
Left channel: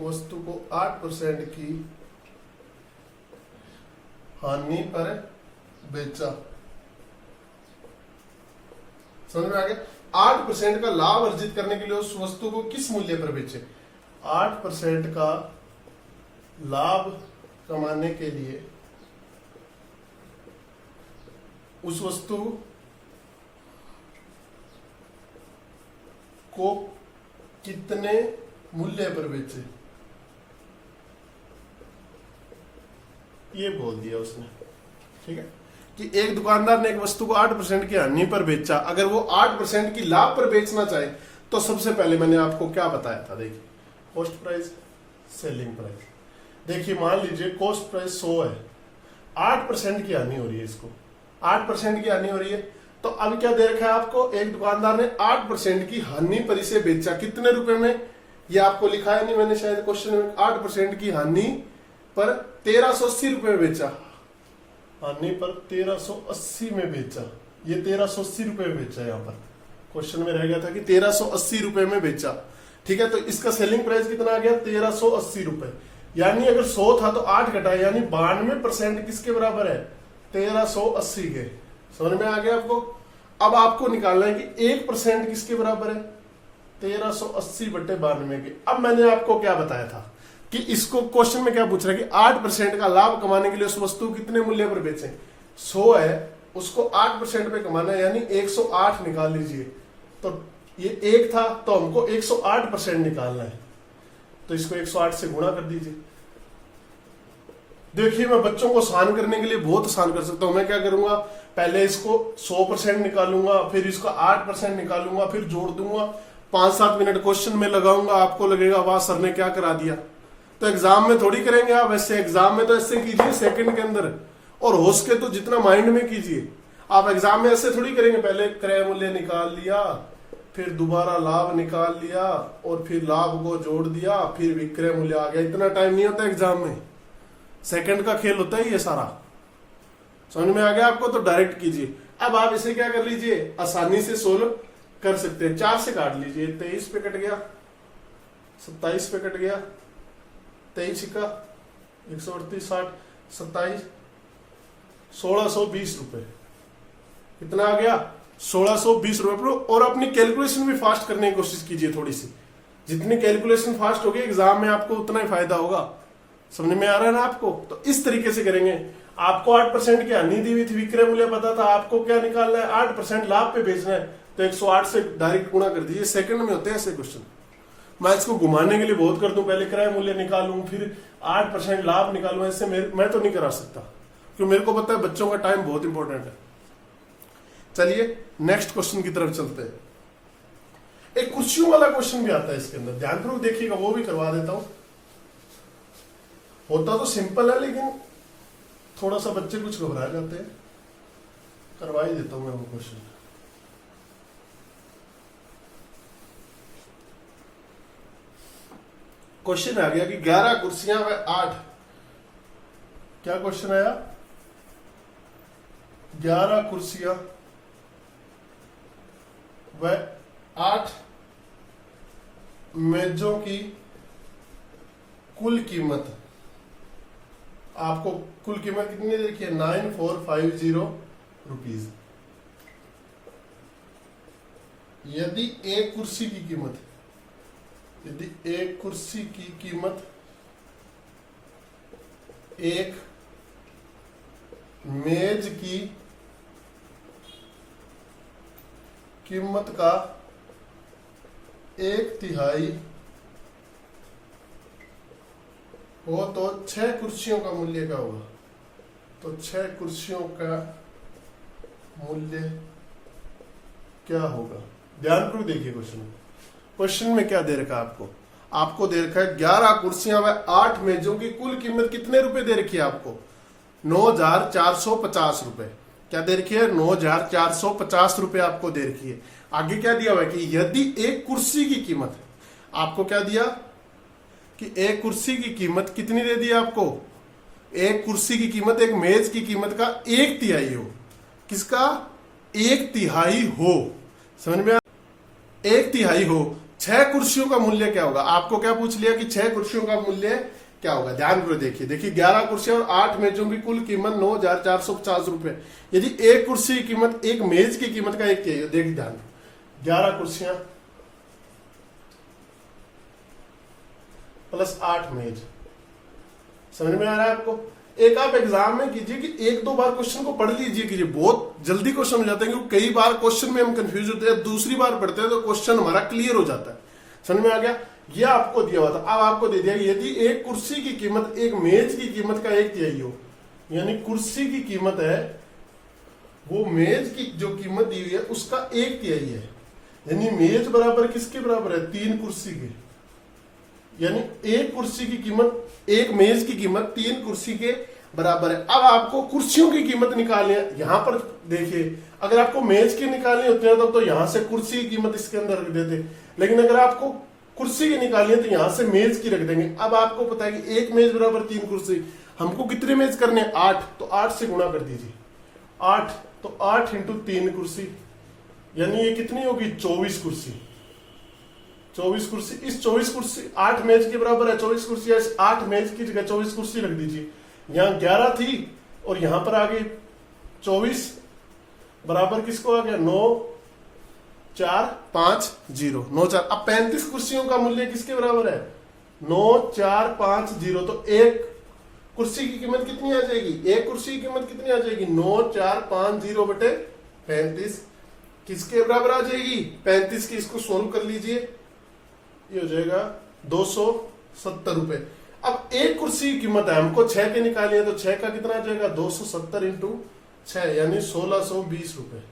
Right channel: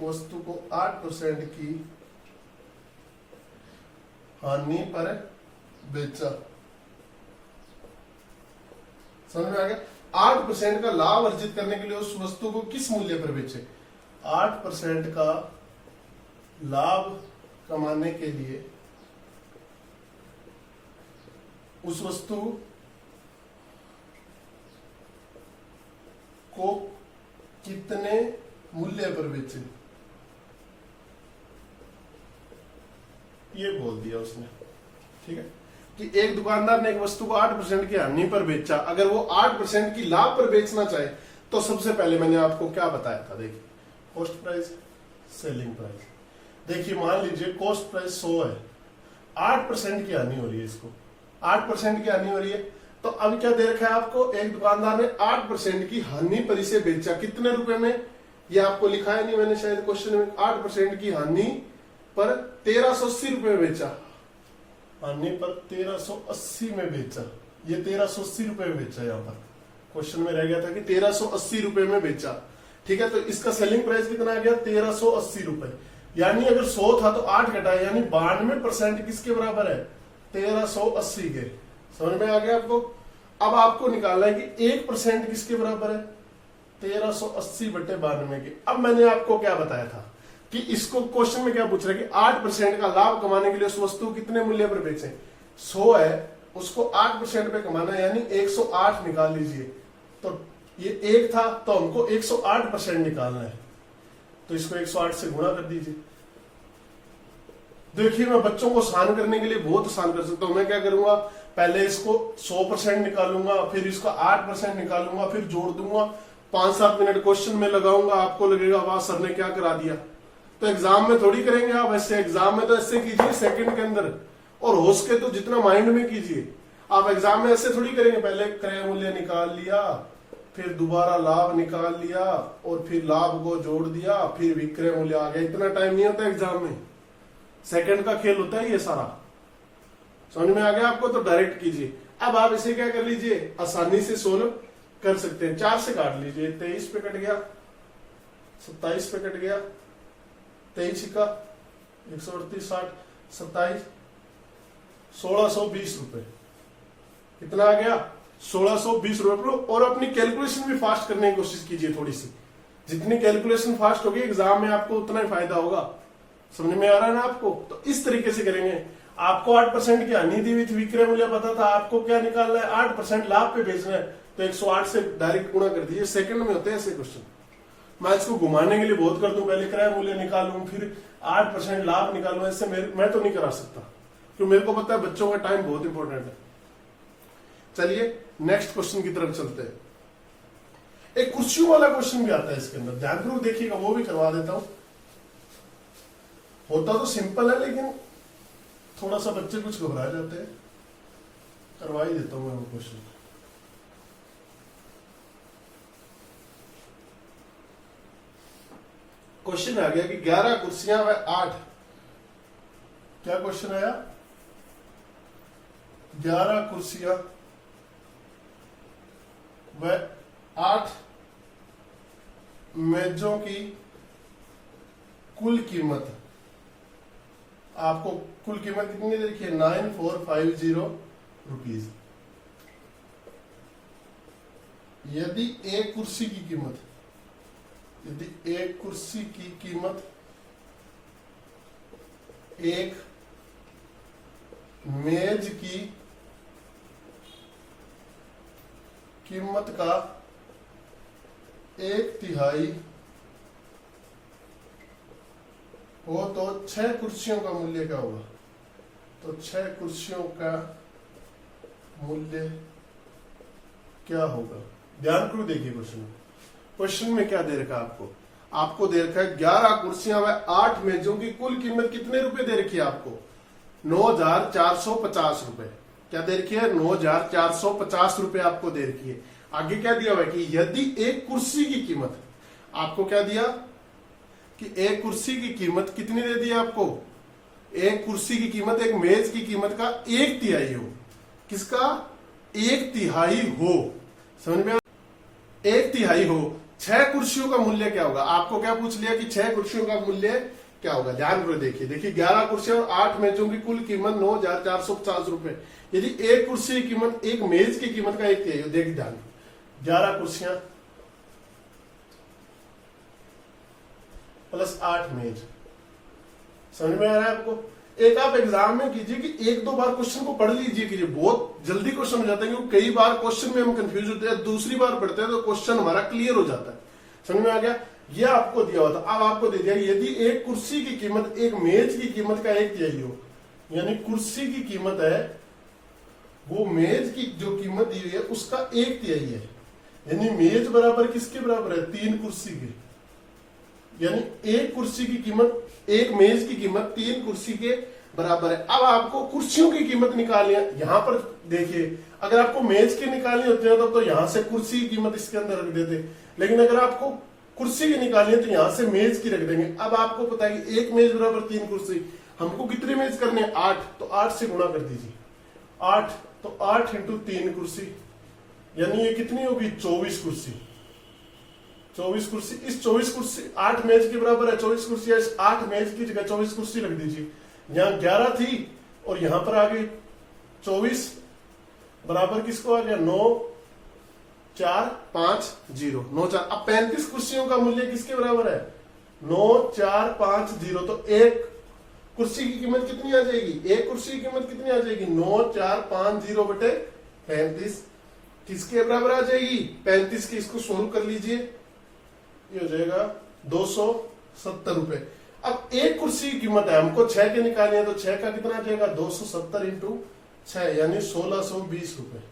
वस्तु को 8% की हानि पर बेचा। समझ में आ गया? 8% का लाभ अर्जित करने के लिए उस वस्तु को किस मूल्य पर बेचे? 8% का लाभ कमाने के लिए उस वस्तु को कितने मूल्य पर बेचे, ये बोल दिया उसने। ठीक है कि एक दुकानदार ने एक वस्तु को 8% की हानि पर बेचा। अगर वो 8% की लाभ पर बेचना चाहे तो सबसे पहले मैंने आपको क्या बताया था, देखिए कॉस्ट प्राइस, सेलिंग प्राइस। देखिए मान लीजिए कॉस्ट प्राइस 100 है, 8% की हानि हो रही है, इसको 8% की हानि हो रही है। तो अब क्या दे रखा है आपको, एक दुकानदार ने 8% की हानि पर इसे बेचा। कितने रुपए में, ये आपको लिखा है नहीं मैंने शायद क्वेश्चन में। 8% की हानि पर 1380 रुपए में बेचा। हानि पर 1380 में बेचा, ये 1380 रुपए में बेचा। यहाँ पर क्वेश्चन में रह गया था कि 1380 रुपए में बेचा। ठीक है, तो इसका सेलिंग प्राइस कितना आ गया, 1380 रुपए। यानी अगर 100 था तो 8 घटाए, यानी 92% किसके बराबर है, 1380 के। समझ में आ गया आपको? अब आपको निकालना है कि 1% किसके बराबर है, 1380 बटे 92 के। अब मैंने आपको क्या बताया था कि इसको क्वेश्चन में क्या पूछ रहा है कि 8% का लाभ कमाने के लिए उस वस्तु को कितने मूल्य पर बेचे। 100 है, उसको 8% पे कमाना है, यानी 108 निकाल लीजिए। तो ये 1 था तो हमको 108% निकालना है, तो इसको 108 से गुणा कर दीजिए। देखिए मैं बच्चों को आसान करने के लिए बहुत आसान कर सकता हूं। मैं क्या करूंगा, पहले इसको 100% निकालूंगा, फिर इसका 8% निकालूंगा, फिर जोड़ दूंगा। 5-7 मिनट क्वेश्चन में लगाऊंगा, आपको लगेगा वाह सर ने क्या करा दिया। तो एग्जाम में थोड़ी करेंगे आप ऐसे, एग्जाम में तो ऐसे कीजिए सेकंड के अंदर, और हो सके तो जितना माइंड में कीजिए। आप एग्जाम में ऐसे थोड़ी करेंगे, पहले क्रय मूल्य निकाल लिया, फिर दोबारा लाभ निकाल लिया, और फिर लाभ को जोड़ दिया, फिर विक्रय मूल्य आ गया। इतना टाइम नहीं होता एग्जाम में, सेकंड का खेल होता है ये सारा। समझ में आ गया आपको? तो डायरेक्ट कीजिए। अब आप इसे क्या कर लीजिए, आसानी से सोल्व कर सकते हैं। 4 से काट लीजिए, 23 पे कट गया, 27 पे कट गया, 23 का 138, 60, 27, 1620 रुपए। कितना आ गया, 1620 रुपए। और अपनी कैलकुलेशन भी फास्ट करने की कोशिश कीजिए थोड़ी सी। जितनी कैलकुलेशन फास्ट होगी एग्जाम में आपको उतना ही फायदा होगा। समझ में आ रहा है ना आपको? तो इस तरीके से करेंगे। आपको 8% की हानि दी हुई थी, विक्रय मूल्य पता था, आपको क्या निकालना है, 8% लाभ पे बेचना है, तो 108 से डायरेक्ट गुणा कर दीजिए। सेकंड में होते हैं ऐसे क्वेश्चन। मैं इसको घुमाने के लिए बहुत कर दूं, पहले क्रय मूल्य निकालूं, फिर 8% लाभ निकालूं, ऐसे मैं तो नहीं करा सकता, क्योंकि मेरे को पता है बच्चों का टाइम बहुत इंपॉर्टेंट है। चलिए नेक्स्ट क्वेश्चन की तरफ चलते हैं। एक कुर्सियों वाला क्वेश्चन भी आता है इसके अंदर, ध्यानपूर्वक देखिएगा, वो भी करवा देता हूं। होता तो सिंपल है, लेकिन थोड़ा सा बच्चे कुछ घबरा जाते हैं। करवा ही देता हूं मैं वो क्वेश्चन। क्वेश्चन आ गया कि 11 कुर्सियां व 8, क्या क्वेश्चन आया, 11 कुर्सियां व 8 मेजों की कुल कीमत, आपको कुल कीमत कितनी दे रखी है, 9450 रुपीज। यदि एक कुर्सी की कीमत, यदि एक कुर्सी की कीमत एक मेज की कीमत का 1/3 हो तो 6 कुर्सियों का मूल्य क्या होगा। तो 6 कुर्सियों का मूल्य क्या होगा। ध्यानपूर्वक देखिए क्वेश्चन में क्या दे रखा है आपको। आपको दे रखा है 11 कुर्सियां व 8 मेजों की कुल कीमत कितने रुपए दे रखी है आपको, 9450 रुपए। क्या दे रखी है, 9450 रुपए आपको दे रखी है। आगे क्या दिया हुआ है कि यदि एक कुर्सी की कीमत, आपको क्या दिया कि एक कुर्सी की कीमत कितनी दे दी आपको, एक कुर्सी की कीमत एक मेज की कीमत का 1/3 हो। किसका, एक तिहाई हो, समझ में? एक तिहाई हो, 6 कुर्सियों का मूल्य क्या होगा? आपको क्या पूछ लिया कि 6 कुर्सियों का मूल्य क्या होगा? ध्यान करो, देखिए 11 कुर्सियां और 8 मेजों की कुल कीमत 9,450 रुपए। यदि एक कुर्सी की कीमत, एक मेज की कीमत का एक तिहाई, देखिए ध्यान, 11 कुर्सियां प्लस 8 मेज, समझ में आ रहा है आपको? एक आप एग्जाम में कीजिए कि 1-2 बार क्वेश्चन को पढ़ लीजिए कीजिए, बहुत जल्दी क्वेश्चन हो जाते हैं, क्योंकि कई बार क्वेश्चन में हम कंफ्यूज होते हैं, दूसरी बार पढ़ते हैं तो क्वेश्चन हमारा क्लियर हो जाता है। समझ में आ गया? यह आपको दिया हुआ था, अब आपको दे दिया यदि एक कुर्सी की कीमत एक मेज की कीमत का एक तिहाई हो, यानी कुर्सी की कीमत है वो मेज की जो कीमत दी हुई है उसका एक तिहाई है, यानी मेज बराबर किसके बराबर है? 3 कुर्सी के, यानी एक कुर्सी की कीमत, एक मेज की कीमत 3 कुर्सी के बराबर है। अब आपको कुर्सियों की कीमत निकालनी है। यहां पर देखिए, अगर आपको मेज की निकालनी होती है तो यहां से कुर्सी की कीमत इसके अंदर रख देते, लेकिन अगर आपको कुर्सी की निकालनी है तो यहां से मेज की रख देंगे। अब आपको पता है कि एक मेज बराबर 3 कुर्सी, हमको कितने मेज करने हैं? 8, तो 8 से गुणा कर दीजिए, 8 तो 8 इंटू 3 कुर्सी, यानी ये कितनी होगी? 24 कुर्सी। 24 कुर्सी, इस 24 कुर्सी 8 मेज के बराबर है, 24 कुर्सी, 8 मेज की जगह 24 कुर्सी रख दीजिए। यहां 11 थी और यहां पर आ गई 24, बराबर किसको आ गया? 9,450, 9,4। अब 35 कुर्सियों का मूल्य किसके बराबर है? 9,450, तो एक कुर्सी की कीमत कितनी आ जाएगी? एक कुर्सी की कीमत कितनी आ जाएगी? 9,450 बटे 35 किसके बराबर आ जाएगी? 35 की। इसको सोल्व कर लीजिए, ये हो जाएगा 270 रुपए। अब एक कुर्सी की कीमत है, हमको 6 के निकालनी है, तो 6 का कितना आ जाएगा? 270 इंटू 6, यानी 1620 रुपए।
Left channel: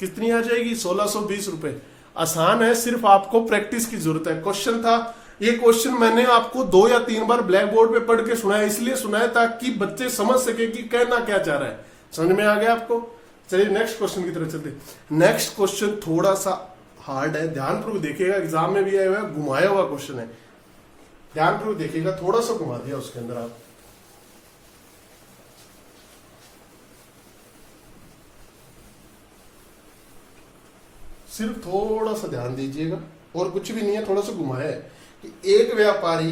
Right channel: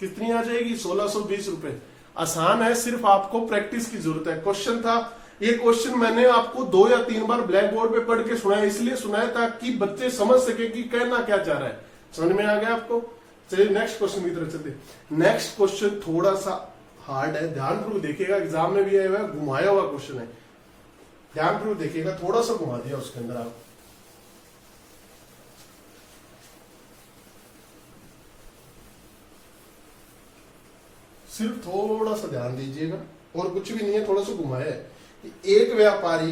कितनी आ जाएगी? 1620 रुपए। आसान है, सिर्फ आपको प्रैक्टिस की जरूरत है। क्वेश्चन था, ये क्वेश्चन मैंने आपको 2 या 3 बार ब्लैक बोर्ड पे पढ़ के सुनाया, इसलिए सुनाया ताकि बच्चे समझ सके कि कहना क्या चाह रहा है। समझ में आ गया आपको? चलिए नेक्स्ट क्वेश्चन की तरफ चलते। नेक्स्ट क्वेश्चन थोड़ा सा हार्ड है, ध्यानपूर्वक देखिएगा, एग्जाम में भी आया हुआ है, घुमाया हुआ क्वेश्चन है, ध्यानपूर्वक देखिएगा, थोड़ा सा घुमा दिया उसके अंदर आप। सिर्फ थोड़ा सा ध्यान दीजिएगा, और कुछ भी नहीं है, थोड़ा सा घुमाया है कि एक व्यापारी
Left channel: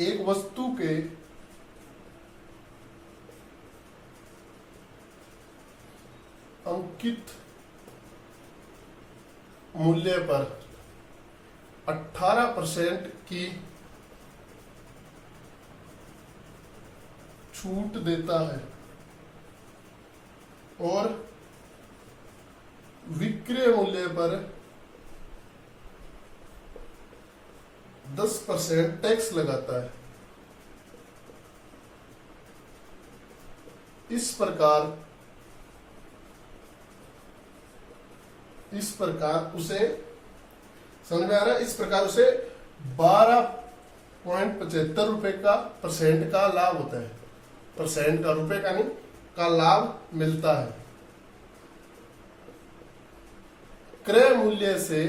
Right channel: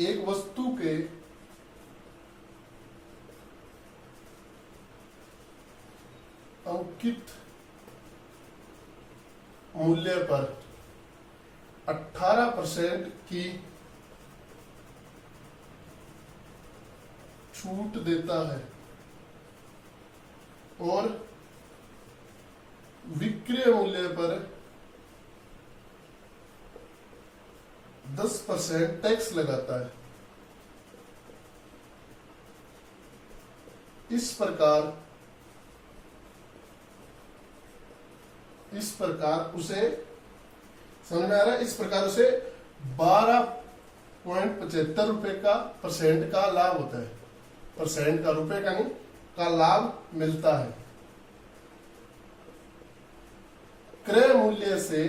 एक वस्तु के अंकित मूल्य पर 18% की छूट देता है और विक्रय मूल्य पर 10% टैक्स लगाता है। इस प्रकार उसे, समझ में आ रहा है? इस प्रकार उसे 12.75 रुपए का परसेंट का लाभ होता है, परसेंट का, रुपए का नहीं, का लाभ मिलता है। क्रय मूल्य से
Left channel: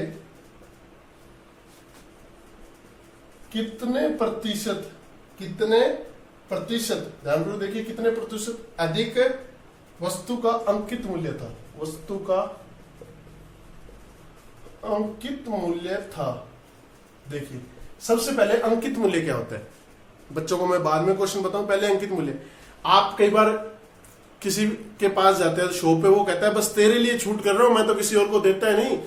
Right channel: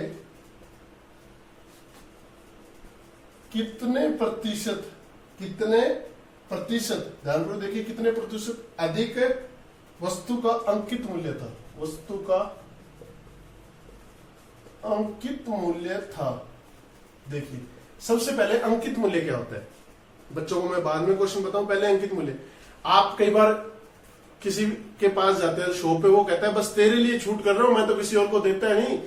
कितने प्रतिशत, ध्यान रखो, देखिए कितने प्रतिशत अधिक वस्तु का अंकित मूल्य था, वस्तु का अंकित मूल्य था। देखिए सबसे पहले अंकित मूल्य क्या होता है, बच्चों को मैं बाद में क्वेश्चन बताऊं, पहले अंकित मूल्य। आप कई बार किसी के पास जाते हैं शॉप पे, वो कहता है बस तेरे लिए छूट कर रहा हूं, मैं तो किसी और को देता है नहीं,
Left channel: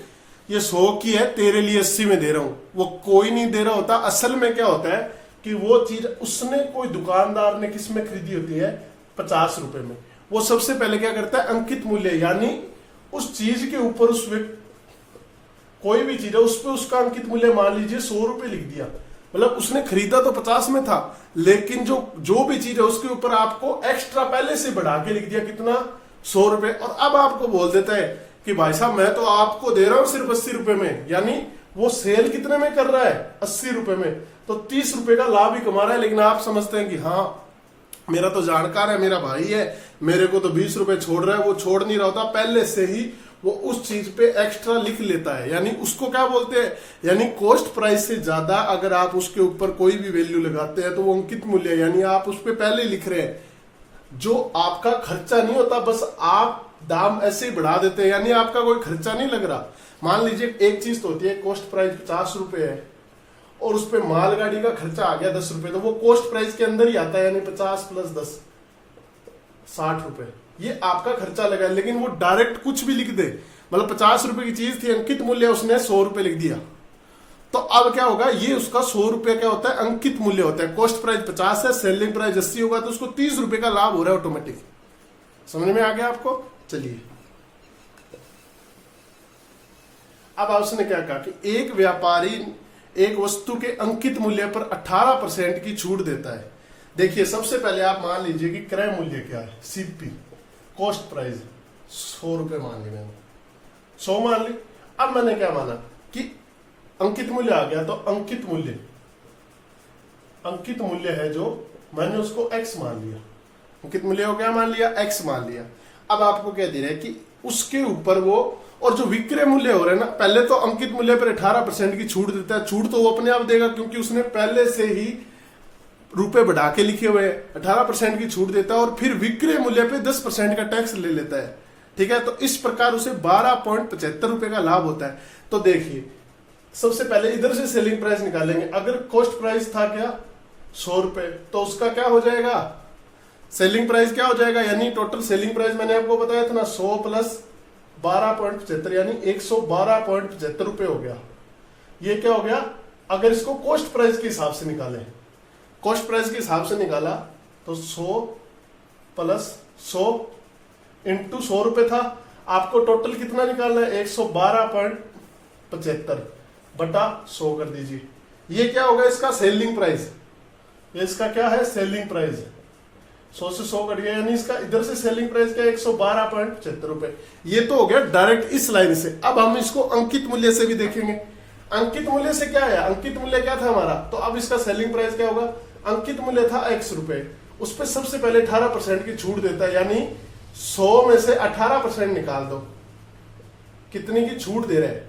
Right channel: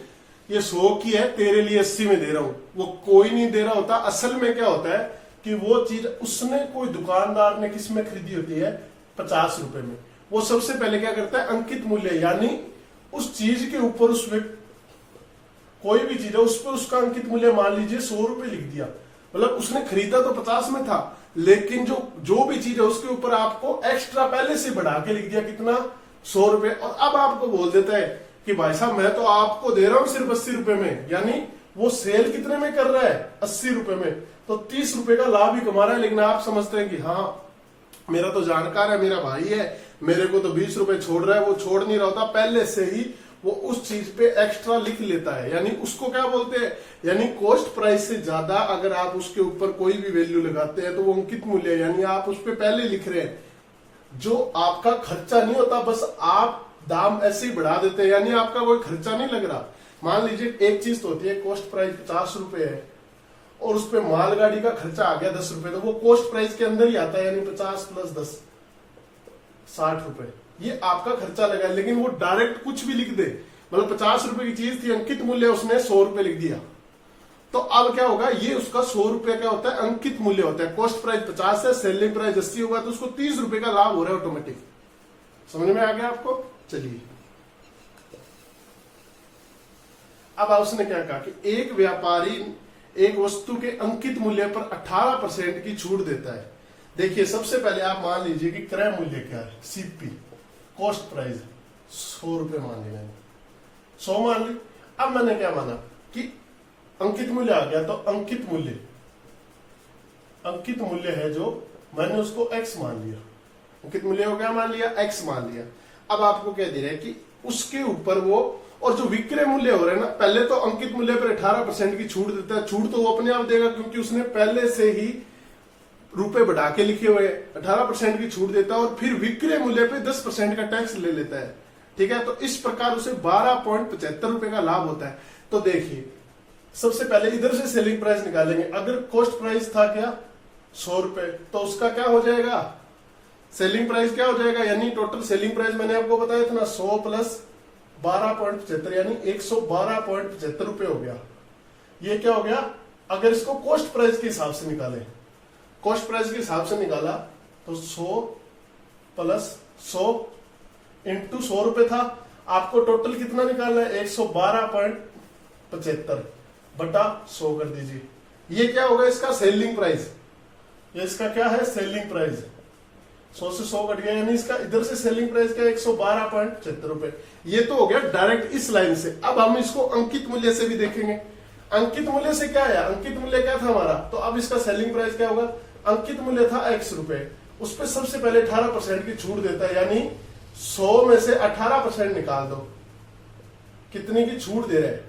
ये 100 की है, तेरे लिए 80 में दे रहा हूं। वो कोई नहीं दे रहा होता। असल में क्या होता है कि वो चीज उसने, कोई दुकानदार ने किस में खरीदी होती है? 50 रुपए में। वो सबसे पहले क्या करता है? अंकित मूल्य, यानी उस चीज के ऊपर, उस कोई भी चीज है उस पर उसका अंकित मूल्य मान लीजिए 100 रुपए लिख दिया, मतलब उसने खरीदा तो 50 में था, लेकिन जो भी चीज है उसके ऊपर आपको एक्स्ट्रा पहले से बढ़ा के लिख दिया, कितना? 100 रुपए। और अब आपको बोल देता है कि भाई साहब मैं तो आपको दे रहा हूं सिर्फ 80 रुपए में, यानी वो सेल कितने में कर रहा है? 80 रुपए में, तो 30 रुपए का लाभ ही कमा रहा है। लेकिन आप समझते हैं कि हाँ मेरा तो जानकार है, मेरा भाई है, मेरे को तो 20 रुपए छोड़ रहा है, वो छोड़ नहीं रहा होता, पहले से ही वो उस चीज पे एक्स्ट्रा लिख लेता है, यानी उसको क्या बोलते हैं, यानी कॉस्ट प्राइस से ज्यादा अगर आप उसके ऊपर कोई भी वैल्यू लगाते हैं तो वो अंकित मूल्य है, यानी आप उस पर पहले लिख रहे हैं। जो आपका खर्चा नहीं होता, बस आप दाम ऐसे ही बढ़ा देते हैं, यानी आपका कोई खर्चा नहीं लग रहा। मान लीजिए एक चीज तो होती है, कॉस्ट प्राइस 50 रुपए है और उस पर मालगाड़ी का खर्चा आ गया 10 रुपए, तो वो कॉस्ट प्राइस के अंदर ही आता है, यानी 50 + 10 60 रुपए, ये आपका खर्चा लगा। लेकिन वो डायरेक्ट कुछ भी लिख दे, मतलब 50 रुपए की चीज थी, अंकित मूल्य उसने 100 रुपए लिख दिया, तो अब क्या होगा, ये उसका 100 रुपए क्या होता है, अंकित मूल्य होता है। कॉस्ट प्राइस 50 है, सेलिंग प्राइस 80 होगा, तो उसको 30 रुपए का लाभ हो रहा है ऑटोमेटिक। समझ में आ गया आपको? चलिए, अब उसने क्या कहा कि एक व्यापारी एक वस्तु के अंकित मूल्य पर 18% की छूट देता है। देखिए, सबसे पहले आप मान लीजिए कि क्रय मूल्य क्या है, सीपी, कॉस्ट प्राइस 100 रुपए मान लिया, 100 मान ली। अब मैंने क्या माना कि अंकित मूल्य आ गया, तो अंकित मूल्य है जो मैंने उसको x मान लिया, अंकित मूल्य को क्या मान लिया, x मान लिया। अब आपको क्या दे रहा है कि उसके ऊपर वो, और जो विक्रय मूल्य हो रहा है ना, पहले तो अंकित मूल्य पर 18% की छूट देता है, छूट तो वो अपने आप देगा क्योंकि उसने पहले से ही रुपए बढ़ा के लिखे हुए, 18% की छूट देता है, और फिर विक्रय मूल्य पे 10% का टैक्स ले लेता है। ठीक है, तो इस प्रकार उसे 12.75 रुपए का लाभ होता है। तो देखिए, सबसे पहले इधर से सेलिंग प्राइस निकालेंगे। अगर कॉस्ट प्राइस था क्या 100 रुपए, तो उसका क्या हो जाएगा, सेलिंग प्राइस क्या हो जाएगा, यानी टोटल सेलिंग प्राइस मैंने आपको बताया था ना, 100 + 12.75 यानी 112.75 रुपए हो गया। ये क्या हो गया, अगर इसको कॉस्ट प्राइस के हिसाब से निकाले, कॉस्ट प्राइस के हिसाब से निकाला तो 100 + 100 × 100 रुपए था, आपको टोटल कितना निकालना है, 112.75 बटा 100 कर दीजिए। ये क्या होगा, इसका सेलिंग प्राइस, ये इसका क्या है, सेलिंग प्राइस। 100 से 100 कट गया, यानी इसका इधर से सेलिंग प्राइस क्या है, 112.75 रुपए। ये तो हो गया डायरेक्ट इस लाइन से। अब हम इसको अंकित मूल्य से भी देखेंगे। अंकित मूल्य से क्या है, अंकित मूल्य क्या था हमारा, तो अब इसका सेलिंग प्राइस क्या होगा, अंकित मूल्य था x रुपए, उस पर सबसे पहले 18% की छूट देता है, यानी 100 में से 18% निकाल दो, कितनी की छूट दे रहे हैं,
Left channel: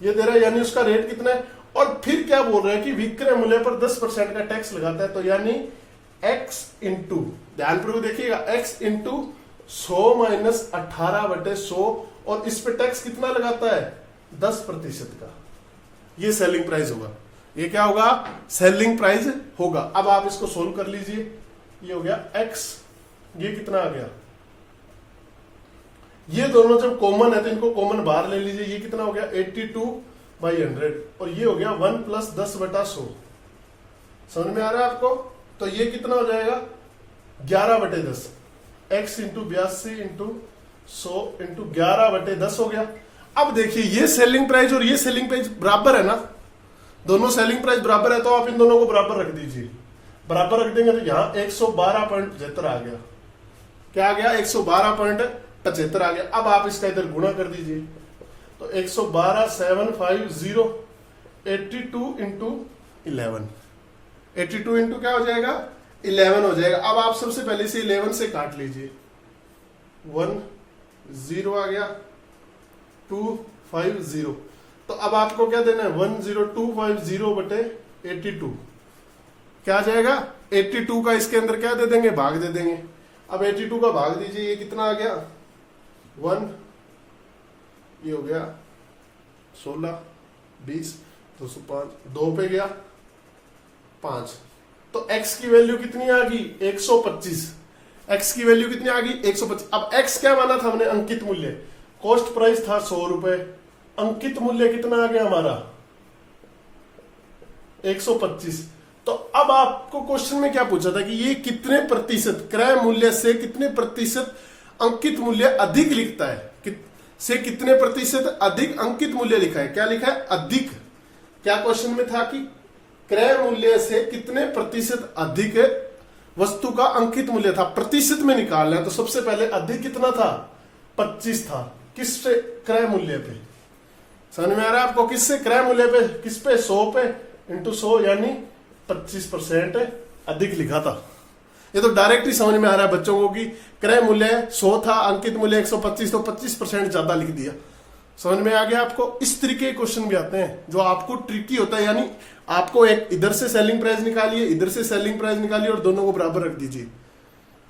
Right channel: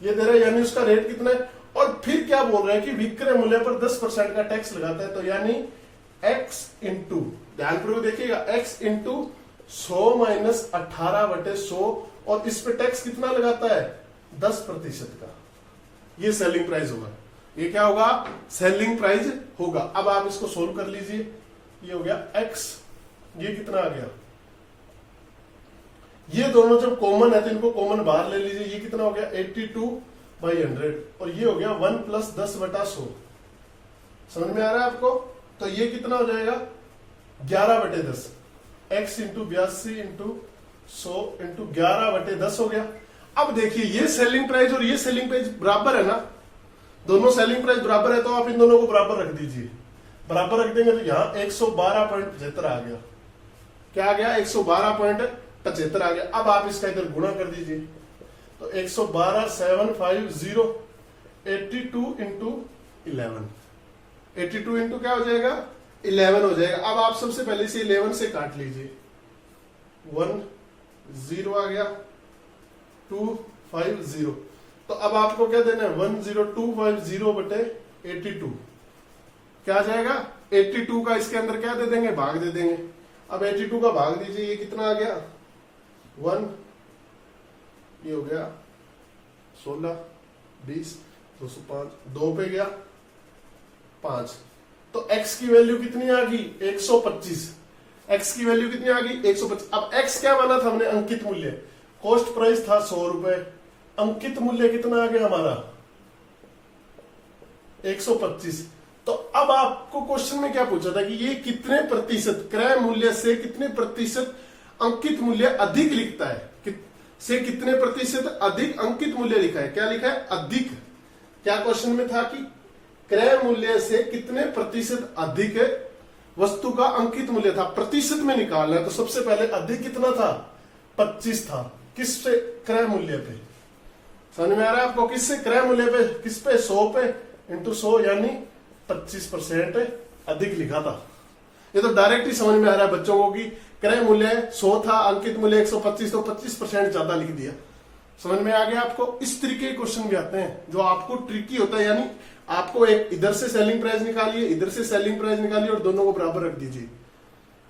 ये दे रहा है, यानी उसका रेट कितना है। और फिर क्या बोल रहा है कि विक्रय मूल्य पर 10% का टैक्स लगाता है, तो यानी x इंटू, ध्यानपूर्वक देखिएगा, x इंटू 100 - 18/100, और इस पे टैक्स कितना लगाता है, 10% का। ये सेलिंग प्राइस होगा, ये क्या होगा, सेलिंग प्राइस होगा। अब आप इसको सोल्व कर लीजिए, ये हो गया x, ये कितना आ गया, ये दोनों जब कॉमन है तो इनको कॉमन बाहर ले लीजिए, ये कितना हो गया 82/100, और ये हो गया 1 + 10/100। समझ में आ रहा है आपको? तो ये कितना हो जाएगा 11/10, x इंटू 82 × 100 × 11/10 हो गया। अब देखिए, ये सेलिंग प्राइस और ये सेलिंग प्राइस बराबर है ना, दोनों सेलिंग प्राइस बराबर है, तो आप इन दोनों को बराबर रख दीजिए। बराबर रख देंगे तो यहां 112.75 आ गया, क्या आ गया, 112.75 आ गया। अब आप इसका इधर गुणा कर दीजिए, तो 112,750 82 × 11, 82 इंटू क्या हो जाएगा, 11 हो जाएगा। अब आप सबसे पहले इसे 11 से काट लीजिए, 1 0 आ गया, 250, तो अब आपको क्या देना है, 10250/82, क्या आ जाएगा 82 का, इसके अंदर क्या दे देंगे, भाग दे देंगे। अब 82 का भाग दीजिए, ये कितना आ गया 1, ये हो गया 16 20 205, 2 पे गया 5, तो x की वैल्यू कितनी आ गई 125, x की वैल्यू कितनी आ गई 125। अब x क्या माना था हमने, अंकित मूल्य, कॉस्ट प्राइस था 100 रुपए, अंकित मूल्य कितना आ गया हमारा 125। तो अब आपको क्वेश्चन में क्या पूछा था कि ये कितने प्रतिशत, क्रय मूल्य से कितने प्रतिशत अंकित मूल्य अधिक लिखता है, से कितने प्रतिशत अधिक अंकित मूल्य लिखा है, क्या लिखा है अधिक। क्या क्वेश्चन में था कि क्रय मूल्य से कितने प्रतिशत अधिक वस्तु का अंकित मूल्य था, प्रतिशत में निकालना है। तो सबसे पहले अधिक कितना था 25 था, किससे, क्रय मूल्य पे। समझ में आ रहा है आपको, किससे, क्रय मूल्य पे, किस पे 100 पे × 100, यानी 25% अधिक लिखा था। ये तो डायरेक्ट ही समझ में आ रहा है बच्चों को कि क्रय मूल्य 100 था, अंकित मूल्य 125, तो 25% ज्यादा लिख दिया। समझ में आ गया आपको? इस तरीके के क्वेश्चन भी आते हैं जो आपको ट्रिकी होता है, यानी आपको एक इधर से सेलिंग प्राइस निकालिए, इधर से सेलिंग प्राइस निकालिए और दोनों को बराबर रख दीजिए।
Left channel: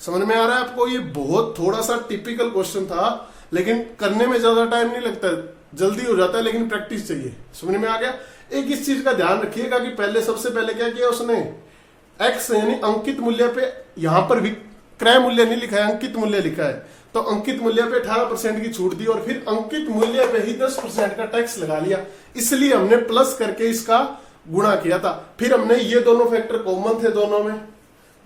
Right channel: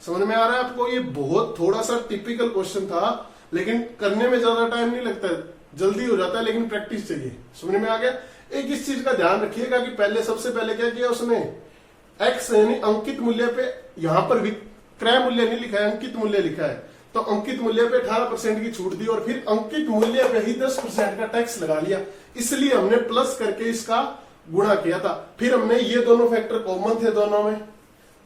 समझ में आ रहा है आपको? ये बहुत थोड़ा सा टिपिकल क्वेश्चन था, लेकिन करने में ज्यादा टाइम नहीं लगता, जल्दी हो जाता है, लेकिन प्रैक्टिस चाहिए। समझ में आ गया? एक इस चीज का ध्यान रखिएगा कि पहले सबसे पहले क्या किया उसने, एक्स यानी अंकित मूल्य पे, यहां पर भी क्रय मूल्य नहीं लिखा है, अंकित मूल्य लिखा है, तो अंकित मूल्य पे 18% की छूट दी और फिर अंकित मूल्य पे ही 10% का टैक्स लगा लिया। इसलिए हमने प्लस करके इसका गुणा किया था। फिर हमने ये दोनों फैक्टर कॉमन थे दोनों में,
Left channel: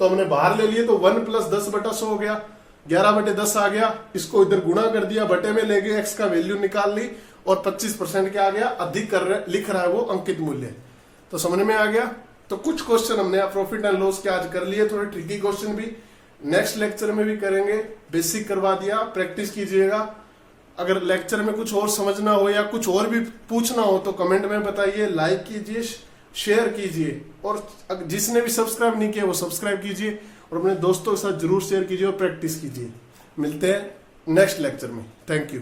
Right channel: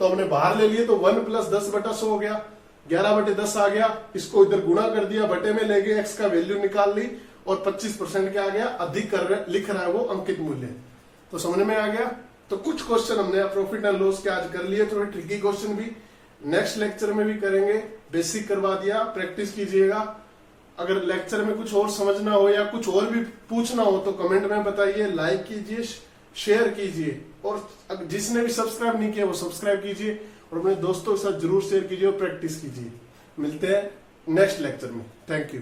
तो हमने बाहर ले लिए, तो 1 + 10/100 हो गया, 11/10 आ गया। इसको इधर गुणा कर दिया, बटे में ले गए, एक्स का वैल्यू निकाल ली और 25% क्या आ गया, अधिक लिख रहा है वो अंकित मूल्य। तो समझ में आ गया? तो कुछ क्वेश्चन हमने प्रॉफिट एंड लॉस के आज कर लिए, थोड़े ट्रिकी क्वेश्चन भी नेक्स्ट लेक्चर में भी करेंगे। बेसिक करवा दिया, प्रैक्टिस कीजिएगा। अगर लेक्चर में कुछ और समझना हो या कुछ और भी पूछना हो तो कमेंट में बताइए, लाइक कीजिए, शेयर कीजिए, और जिसने भी सब्सक्राइब नहीं किया वो सब्सक्राइब कीजिए और अपने दोस्तों के साथ जरूर शेयर कीजिए और प्रैक्टिस कीजिए। मिलते हैं नेक्स्ट लेक्चर में। Thank you.